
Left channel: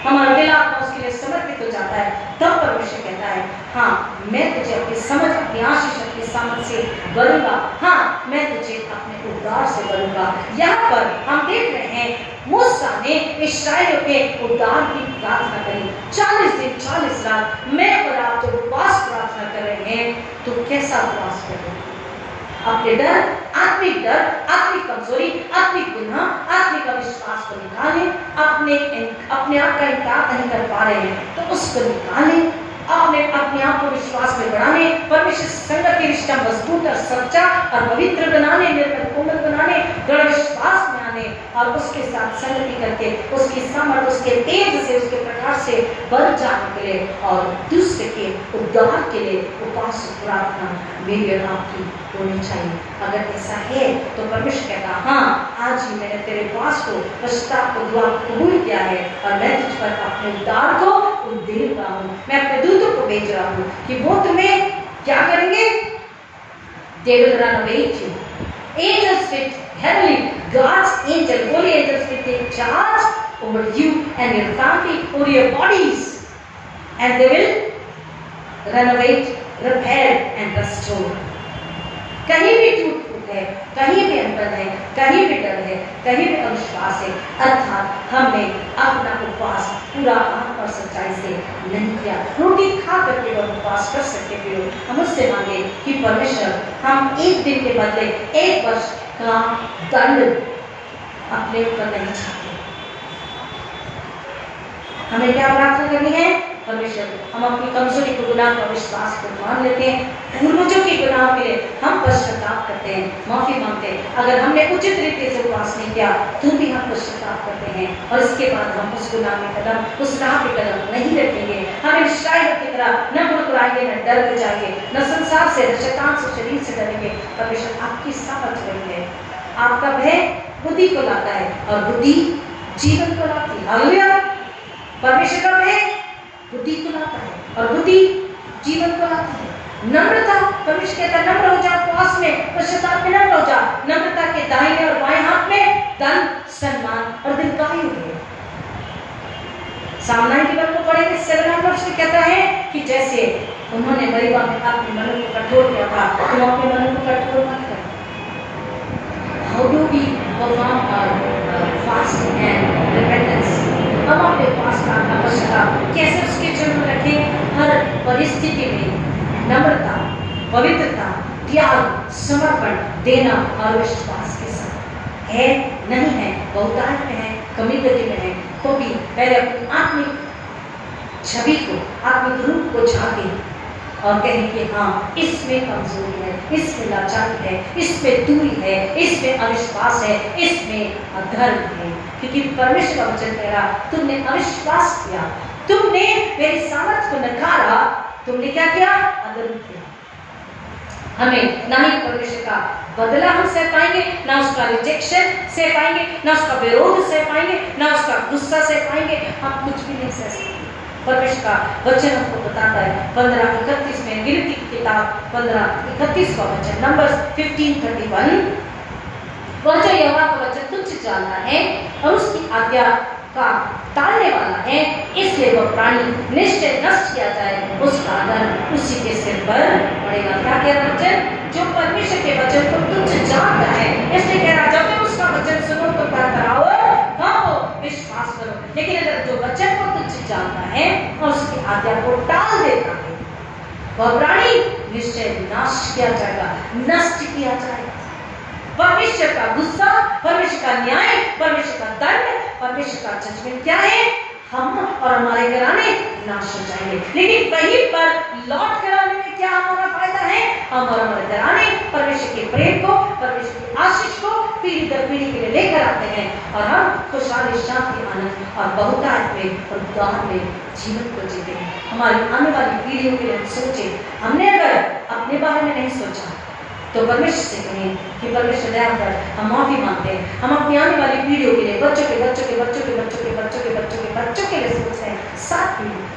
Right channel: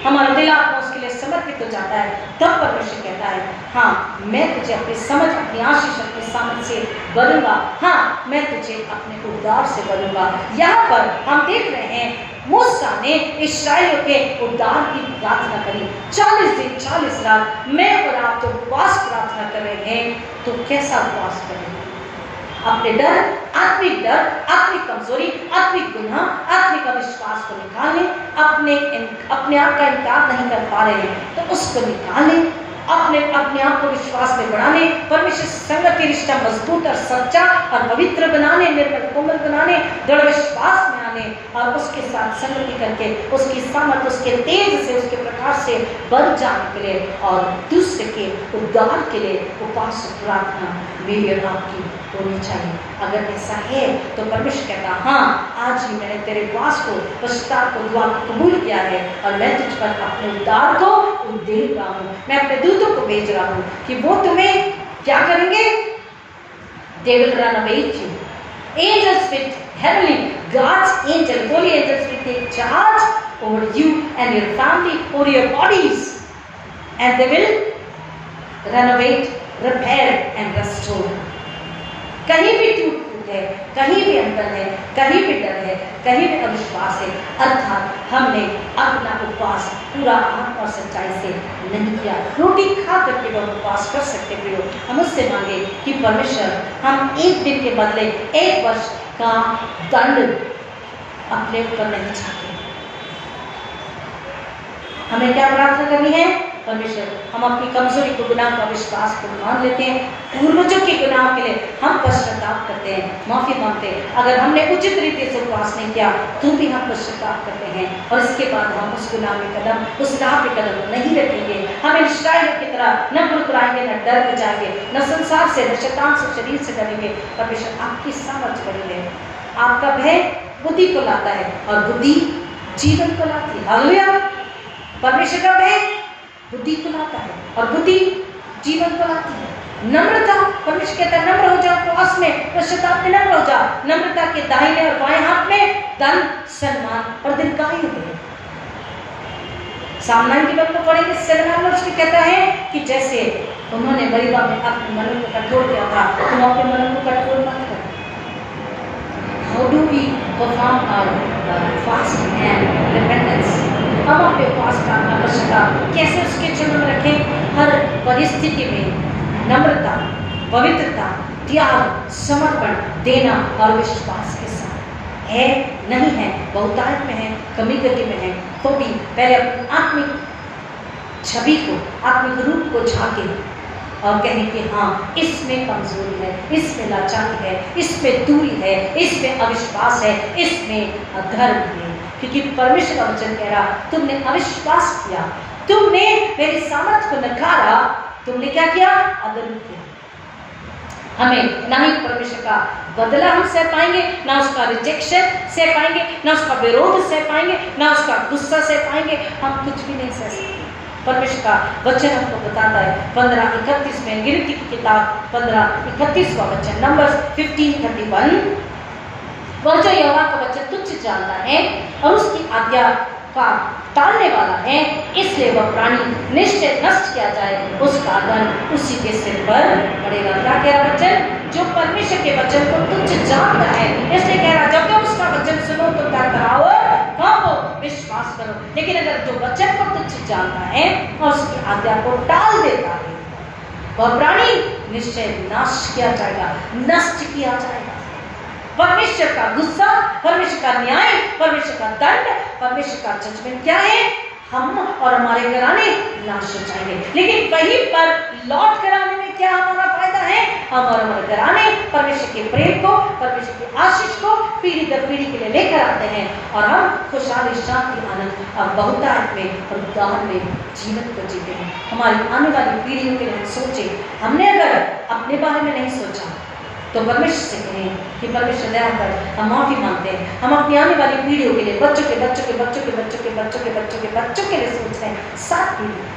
हमारा दिल आत्मा उसके लिए समर्पित हो जाता है, तब परमेश्वर कहता है, हाँ मैं तुझे अपनी समझ, अपनी आशीष, अपनी सामर्थ से भरूंगा, हाँ मैं तुझे अपने उद्धार से भरूंगा। यहाँ पर हम देख रहे हैं, मूसा ने इस्राएलियों के उद्धार की प्रार्थना करी। 40 दिन 40 रात मैं और आप जब उपवास प्रार्थना कर रहे हैं, तो कैसा उपवास कर रहे हैं? अपने डर, आत्मिक कमजोरी, आत्मिक गुनाह, आत्मिक अविश्वास को निकालें। अपने आप का इनकार नहीं कर पा रहे हैं तो उसको निकालें। अपने आप को विश्वास में बढ़ाने, परमेश्वर संगति रिश्ता मजबूत और सच्चा और पवित्र बनाने, निर्मल कोमल बनाने, दृढ़ विश्वास में आने और उसके साथ संगति करके उसकी सामर्थ, उसके तेज से, उसके प्रकाश से बढ़ जाने के लिए और दूसरे के उद्धार के लिए उपवास प्रार्थना मेरी और आपकी होनी चाहिए। अगर ऐसा है तो परमेश्वर कहता, हाँ आज ही मैंने तेरे उपवास को, पश्चाताप को, दुआ को कबूल किया है और मैं तुझ पर अपने उद्धार को दे रहा हूँ। मैं अपने दूतों को भेज रहा हूँ कि वो तुम्हें क्या करेंगे? They will run away you. Angels with heavenly, God's angel, holy angels will take charge over you and your family, over your bodies, and they will renovate, repair and restore. कहीं भी टूट है, कहीं भी अनबन है, कहीं भी डर है, कहीं भी अविश्वास है, अर्थात हमने अपना उपवास पूरा आत्मा और सच्चाई से नहीं किया। रोटी खा करके वो उपवास कर सकते थे। हम उससे मांगे कि परमेश्वर, हम एक दिन के बदले 1 वर्ष का दंड अपने ऊपर नहीं चाहते। हमें क्या प्रार्थना करनी है? परमेश्वर, हम अपनी कमजोरी को, गुनाह का विश्वास को मान लेते हैं, पूर्वजों के गुनाह के लिए हम पश्चाताप करते हैं, माफी मांगते हैं। अगर हमने उचित तरीके से उपवास नहीं किया तो भी हम पश्चाताप करते हैं, और इसके बाद हम उस गुनाह में कदम, उस राह पे कदम नहीं रखेंगे। हम इस्राएलियों की तरह न कुड़कुड़ाएंगे, न डर में जाएंगे, न संसार से, न शैतान से, शरीर से डरेंगे। परमेश्वर आपकी सामर्थ्य बनी है। आपका भय बुद्धि को लाता है और बुद्धि जीवन को लाती है। हालेलुया। परमेश्वर का भय बुद्धि को लाता है और बुद्धि जीवन को लाती है। नम्रता, परमेश्वर कहता है नम्र हो जा, उपवास में, पश्चाताप में नम्र हो जा। नम्रता के दाहिने और बाएं हाथ में धन, सम्मान और दीर्घायु है। सामना की बात को पढ़ेंगे, सलमान उसमें कहता है कि जैसे उन्होंने मरीबा में अपने मन को कठोर किया था, तुम अपने मन को कठोर मत कर। How do we perform our fasting and repentance? हम अपने फास्ट का पश्चाताप कैसे उसके जीवन में रखें? हर परिस्थिति में नम्रता, पवित्रता, त्याग, समर्पण, देना और विश्वास के साथ है, नहीं है, बहुतायत में है, कमी गति में है, तो भी पहले अपनी आत्मिक छवि को, आत्मिक रूप को झांके और कहें कि हाँ, इसमें कमजोरी है, इसमें लाचारी है, इसमें दूरी है, इसमें अविश्वास है, इसमें अधर्म है। क्योंकि परमेश्वर का वचन कह रहा, तुमने अविश्वास किया, तुमने मेरी सामर्थ्य को नकारा, तुमने क्या किया? अधर्म किया। हमें ना ही परमेश्वर का बदला हम सह पाएंगे, ना उसका रिजेक्शन सह पाएंगे, ना उसका विरोध सह पाएंगे, ना उसका गुस्सा सह पाएंगे। हम कुछ भी नहीं सह सकते। परमेश्वर का वचन हमको बताता है 15:31 में, गिनती की किताब 15:31वां वचन, नंबर्स 15:31, वह जो यहोवा का वचन तुच्छ जानता है और उसकी आज्ञा का टालने वाला है, इसलिए वह प्राणी निश्चय नष्ट किया जाए, उसका दंड उसी के सिर पर पड़ेगा। क्या कह रहा वचन? जो परमेश्वर के वचन को तुच्छ जानता है, इसलिए कह रहा जब तक उसका वचन सुनो तो कराओ, हाँ, विश्वास करो। लेकिन अगर जो वचन को तुच्छ जानता है और उसकी आज्ञा को टाल देता है, वह प्राणी निश्चय नाश किया जाएगा, नष्ट किया जाएगा। परमेश्वर का गुस्सा, परमेश्वर का न्याय, परमेश्वर का दंड, परमेश्वर का जजमेंट क्या है? हम और हमारे घराने नाश हो जाएंगे। लेकिन वहीं पर लौट कर आने में क्या हमारा फायदा है? हम और हमारे घराने परमेश्वर के प्रेम को, परमेश्वर की आशीष को पीढ़ी दर पीढ़ी के लिए लेकर आते हैं, और हम खुशहाली, शांति, आनंद और बहुतायत में और उद्धार में जीवन को जीते हैं। हमारी आने वाली पीढ़ियों के लिए हम सोचे। हमने अगर अपने बारे में नहीं सोचा तो परमेश्वर से कहें कि परमेश्वर दया कर, हम माफी मांगते हैं। हम अपनी आने वाली पीढ़ियों के लिए, बच्चों के बच्चों के बच्चों के बच्चों के बच्चों के बच्चों के बच्चों के लिए सोच रहे हैं, 7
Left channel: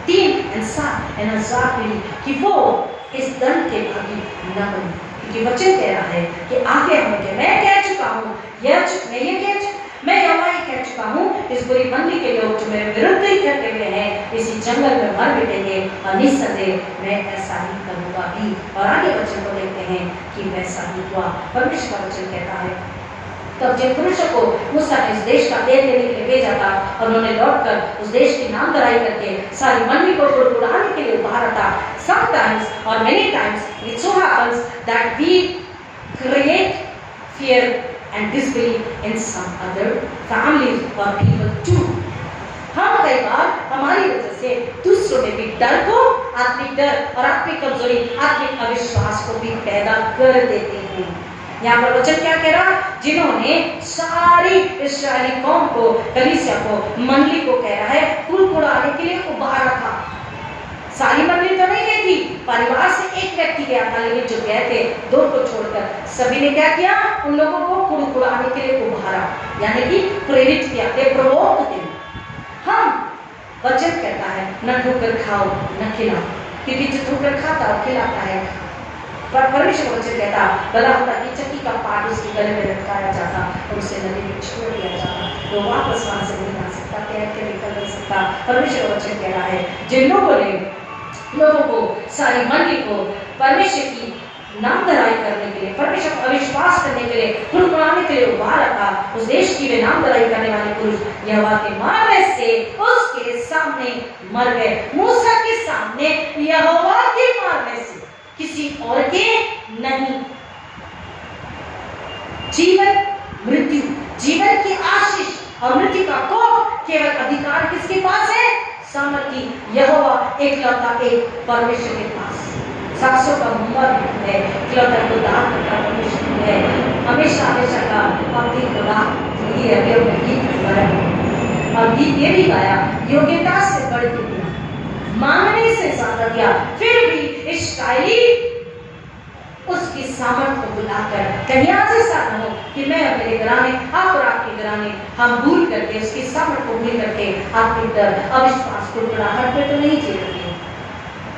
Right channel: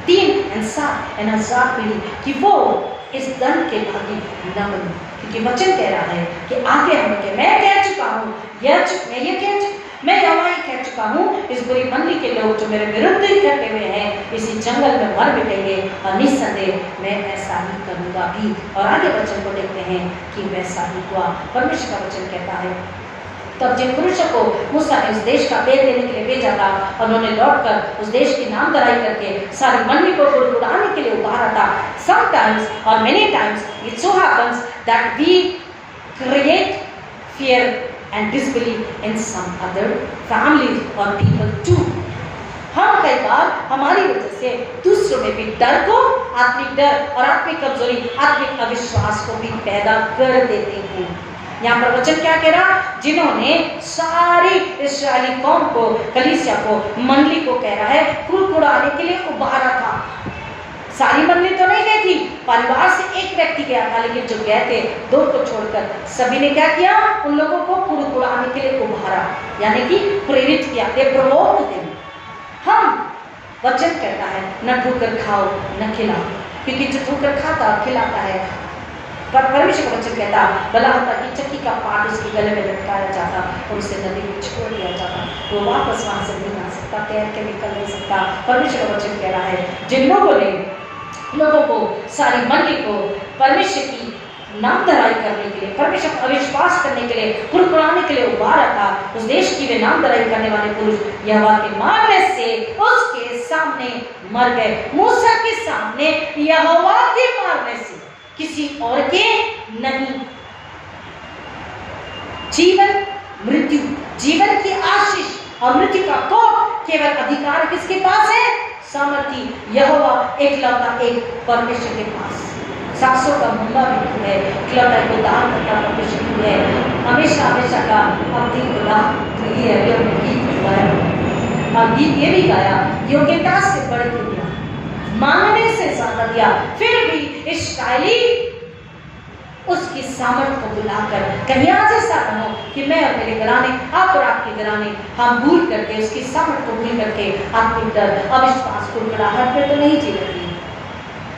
पीढ़ी, 3,000 पीढ़ी, कि वो इस दंड के भागी न बने। क्योंकि वचन कह रहा है कि आगे हम, मैं कह चुका हूँ, मैं यहोवा ही कह चुका हूँ, इस बुरी मंडली के लोग जो मेरे विरुद्ध ही करते हुए हैं, इसी जंगल में मर मिटेंगे, और निस्संदेह मैं ऐसा ही करूँगा भी। और आगे वचन को देखते हैं कि वैसा ही हुआ। परमेश्वर का वचन कहता है, तब जिन पुरुषों को मूसा ने इस देश का पेड़ लेने के लिए भेजा था, और उन्होंने लौटकर उस देश की नामधराई करके सारी मंडली को गुड़गुड़ाने के लिए उभारा था। Sometimes or many times it so happens that we create fear and disbelief in some other families or people too. हम कई बार हमारी वजह से दूसरों में भी डर को, आत्मिक डर और आत्मिक कमजोरी, आत्मिक अविश्वास को भी पैदा कर देते हैं। यहाँ पर वचन क्या कह रहा? जिन्होंने सारी इस्राएली कौम को, कलीसिया को, मंडली को कह रहा है कुड़कुड़ाने के लिए उभारा था। सारी मंडली तो नहीं गई थी, परिवार से एक व्यक्ति गया था, लेकिन जो गए थे 2 को छोड़कर सभी ने क्या किया? उन लोगों को कुड़कुड़ाने के लिए उभारा, यानी कि प्रेरित किया, प्रोवोक किया। हम वचन कहता है न ठोकर खाओ न खिलाओ, क्योंकि जो ठोकर खाता और खिलाता है, पर परमेश्वर का वचन कहता भला होता कि चक्की का पाट उसके गले में लटकाया जाता और उसे नदी में छोड़ दिया जाता, वो वापस वहां से नहीं आ सकता, तैर के निकल नहीं सकता। परमेश्वर का वचन कह रहा है जिन लोगों को सारी मंडली को परमेश्वर की नामधराई करने के लिए, परमेश्वर को अविश्वास करने के लिए, कुड़कुड़ाने के लिए उभारा था, उस देश की वे नामधराई करने वाले पुरुष यहोवा के मारने से उसके सामने मर गए। मूसा के सामने, यहोवा के मारने से, किसी और के नहीं। जीवन मृत्यु, जीवन की आशीष और मृत्यु का कोप केवल अधिकार किसके पास है? सामर्थी यहोवा एकलौता एक परमेश्वर के पास साक्ष्यों का मुंबा भी है, एकलौता को दान करता परमेश्वर भी है, हमेशा हमेशा का अपनी को दान ही रहते और गीत गाया और गीत ये भी गाया योग्यता से बढ़ के दिया, मांगने से ज्यादा दिया, फिर भी इस्राएली उसकी सामर्थ को बुलाकर कहीं आज ऐसा न हो कि मैं और मेरे घराने आप और आपके घराने हम भूल करके उसकी सामर्थ को भूल करके आपकी डर अविश्वास को बुलाहट में तो नहीं जी रही।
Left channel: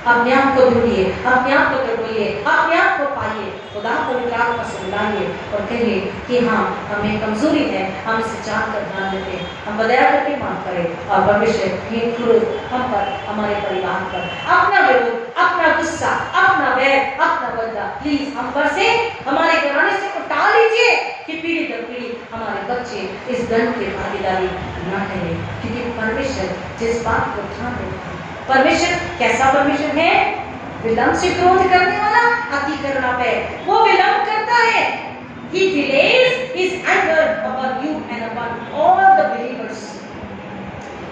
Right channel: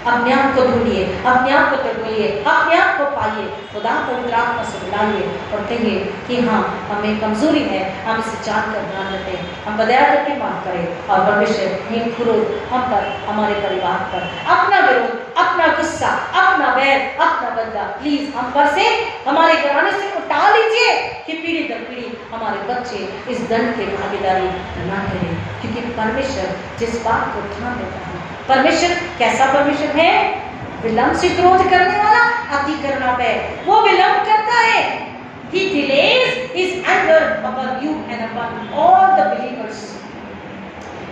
अपने आप को ढूंढिए, अपने आप को तोड़िए, अपने आप को पाइए, खुदा पवित्र आत्मा से बुलाइए और कहिए कि हाँ हमें कमजोरी है, हम इसे जान कर ध्यान देते, हम बदया करके माफ करें और परमेश्वर ये क्रोध हम पर, हमारे परिवार पर, अपना विरोध, अपना गुस्सा, अपना वैर, अपना बदला प्लीज हम पर से, हमारे घराने से उठा लीजिए कि पीढ़ी दर पीढ़ी हमारे बच्चे इस दंड की भागीदारी न करें, क्योंकि परमेश्वर जिस बात को ध्यान देता है, परमेश्वर कैसा परमेश्वर है? विलंब से क्रोध करने वाला, अति करुणा पे, वो विलंब करता है। He delays his anger upon you and upon all the believers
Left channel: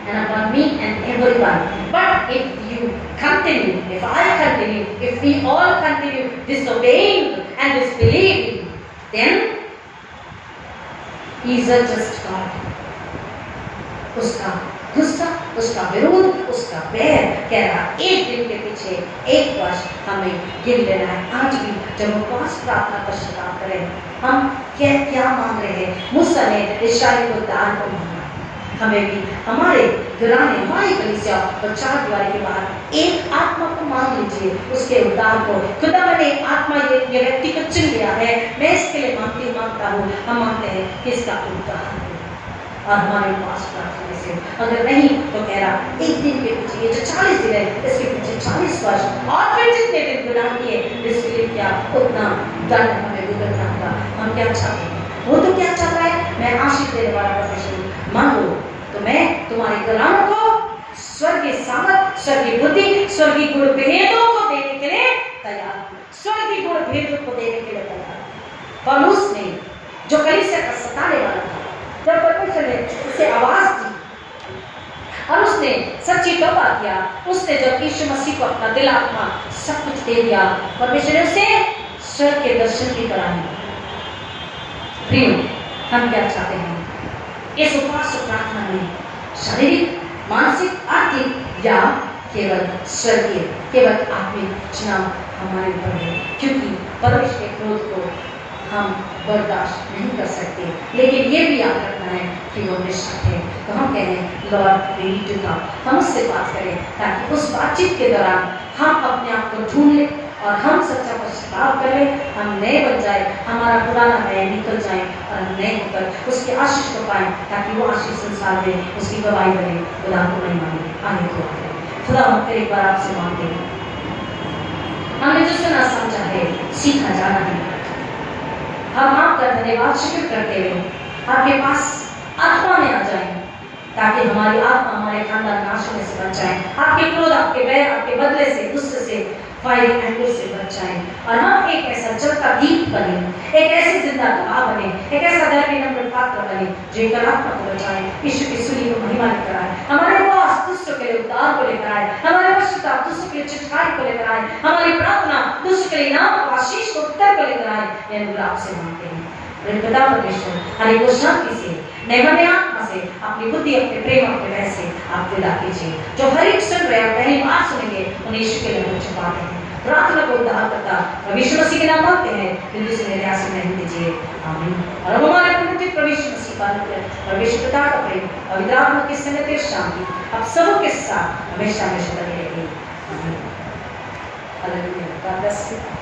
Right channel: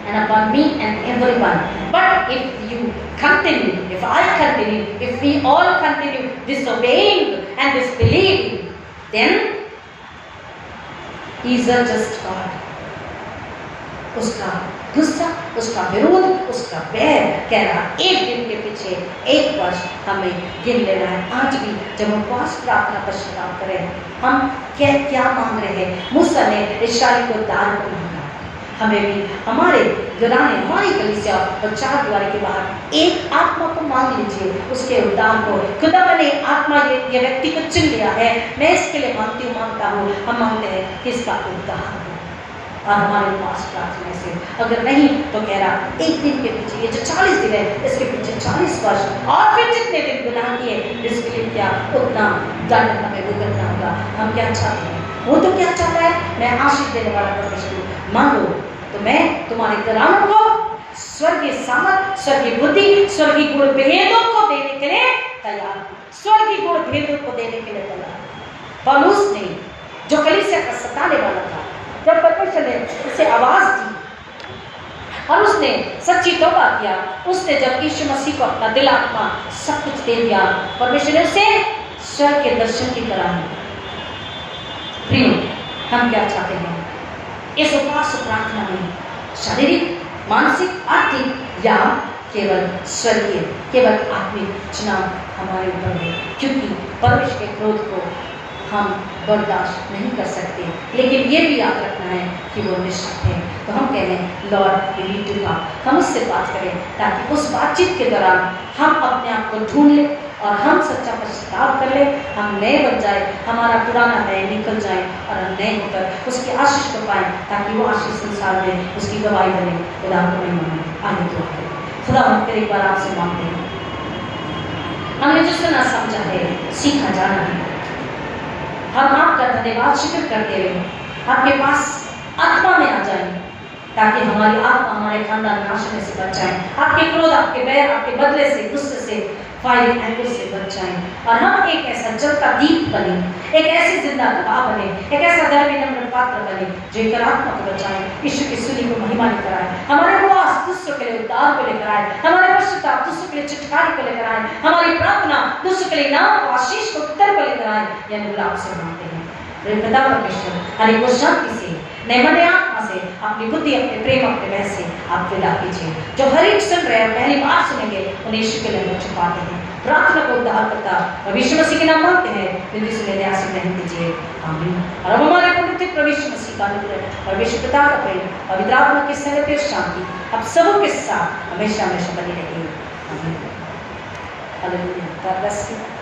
and upon me and everyone. But if you continue, if I continue, if we all continue disobeying and disbelieving, then he is a just God. उसका गुस्सा, उसका विरोध, उसका बैर कह रहा एक दिन के पीछे एक वर्ष हमें गिन लेना है। आज भी जब हम उपवास प्रार्थना पश्चाताप करें, हम क्या मांग रहे हैं? मूसा ने इस्राएल को दान पर मांगा, हमें भी हमारे घराने, हमारी कलीसिया और चार दीवारी के बाहर एक आत्मा को मांग लीजिए, उसके उद्धार को। खुदा मैंने आत्मा ये व्यक्ति को चुन लिया है, मैं इसके लिए मांगता हूँ। हम मांगते हैं कि इसका उद्धार हो और हमारे पास प्रार्थना से, अगर नहीं तो कह रहा एक दिन के पीछे ये जो 40 दिन है इसके पीछे 40 वर्ष और फिर जितने दिन गुनाह किए इसके क्या उतना दंड हमें भुगतना होगा। हम क्या चाहते हैं? वो तो क्या चाहता है? मैं आशीष देने वाला परमेश्वर, मांगो तो मैं तुम्हारे घरानों को स्वर्गीय सामर्थ, स्वर्गीय बुद्धि, स्वर्गीय गुण भेदों को देने के लिए तैयार, स्वर्गीय गुण भेदों को देने के लिए तैयार। पौलुस ने जो कलीसिया का सताने वाला था, जब परमेश्वर ने उसे आवाज दी और उसने सच्ची तौबा किया, उसने जब यीशु मसीह को अपना दिल आत्मा सब कुछ दे दिया, परमेश्वर ने उसे स्वर्ग के दर्शन की तरह दी। प्रिय, हम क्या चाहते हैं इस उपवास प्रार्थना में? शारीरिक, मानसिक, आर्थिक या केवल स्वर्गीय, केवल आत्मिक चुनाव हमारे ऊपर है, क्योंकि परमेश्वर के क्रोध को हम बर्दाश्त नहीं कर सकते, लेकिन ये भी याद रखना है कि वो निष्ठा है। तो हम कह रहे हैं lord we need to talk, हम उससे बात करें ताकि उस बातचीत के दौरान हम अपने आप को ढूंढ लें और हम सच्चा पश्चाताप कर लें, हम नए बन जाए, हमारा पुराना नया निकल जाए और हम नए होकर उसके आशीष को पाएं, ताकि वो आशीष संसार में उसकी गवाही बने। खुदा को नहीं माने आगे तो खुदा हम फिर एक बार आपसे मांगते हैं, हमने जो सुना समझा है सीखा जाना है, हम आपका धन्यवाद शुक्र करते हुए आपके पास आत्मा में आ जाएं, ताकि हमारी आत्मा हमारे खानदान नाश में से बच जाए, आपके क्रोध, आपके बैर, आपके बदले से, गुस्से से, फायरिंग एंगर से बच जाए और हम एक ऐसा जलता दीप बने, एक ऐसी जिंदा गवाह बने, एक ऐसा धर्मी नम्र पात्र बने जो एक आत्मा को बचाए, यीशु की सूली को महिमा लेकर आए, हमारे उपवास दूसरों के लिए उद्धार को लेकर आए, हमारे पश्चाताप दूसरों के लिए छुटकारे को लेकर आए, हमारी प्रार्थना दूसरों के लिए नाम आशीष को उत्तर को लेकर आए। यह आपसे मांगते हैं पिता परमेश्वर, हरे को शांति से, नए आत्मा से, अपनी बुद्धि, अपने प्रेम, अपने वह से आप विदा कीजिए। जो हर एक सुन रहे हैं पहली बार सुनेंगे उन्हें यीशु के लिए छुपाते हैं, प्रार्थना को उद्धार करता और यीशु मसीह के नाम मांगते हैं, जल्दी से मेरे आशीष नहीं दीजिए, आमीन। और अब हमारे प्रभु प्रभु मसीह का अनुग्रह और विश्व पिता का प्रेम और पवित्र आत्मा की संगत और शांति अब सबों के साथ हमेशा हमेशा बनी रहेगी, आमीन। हालेलुया।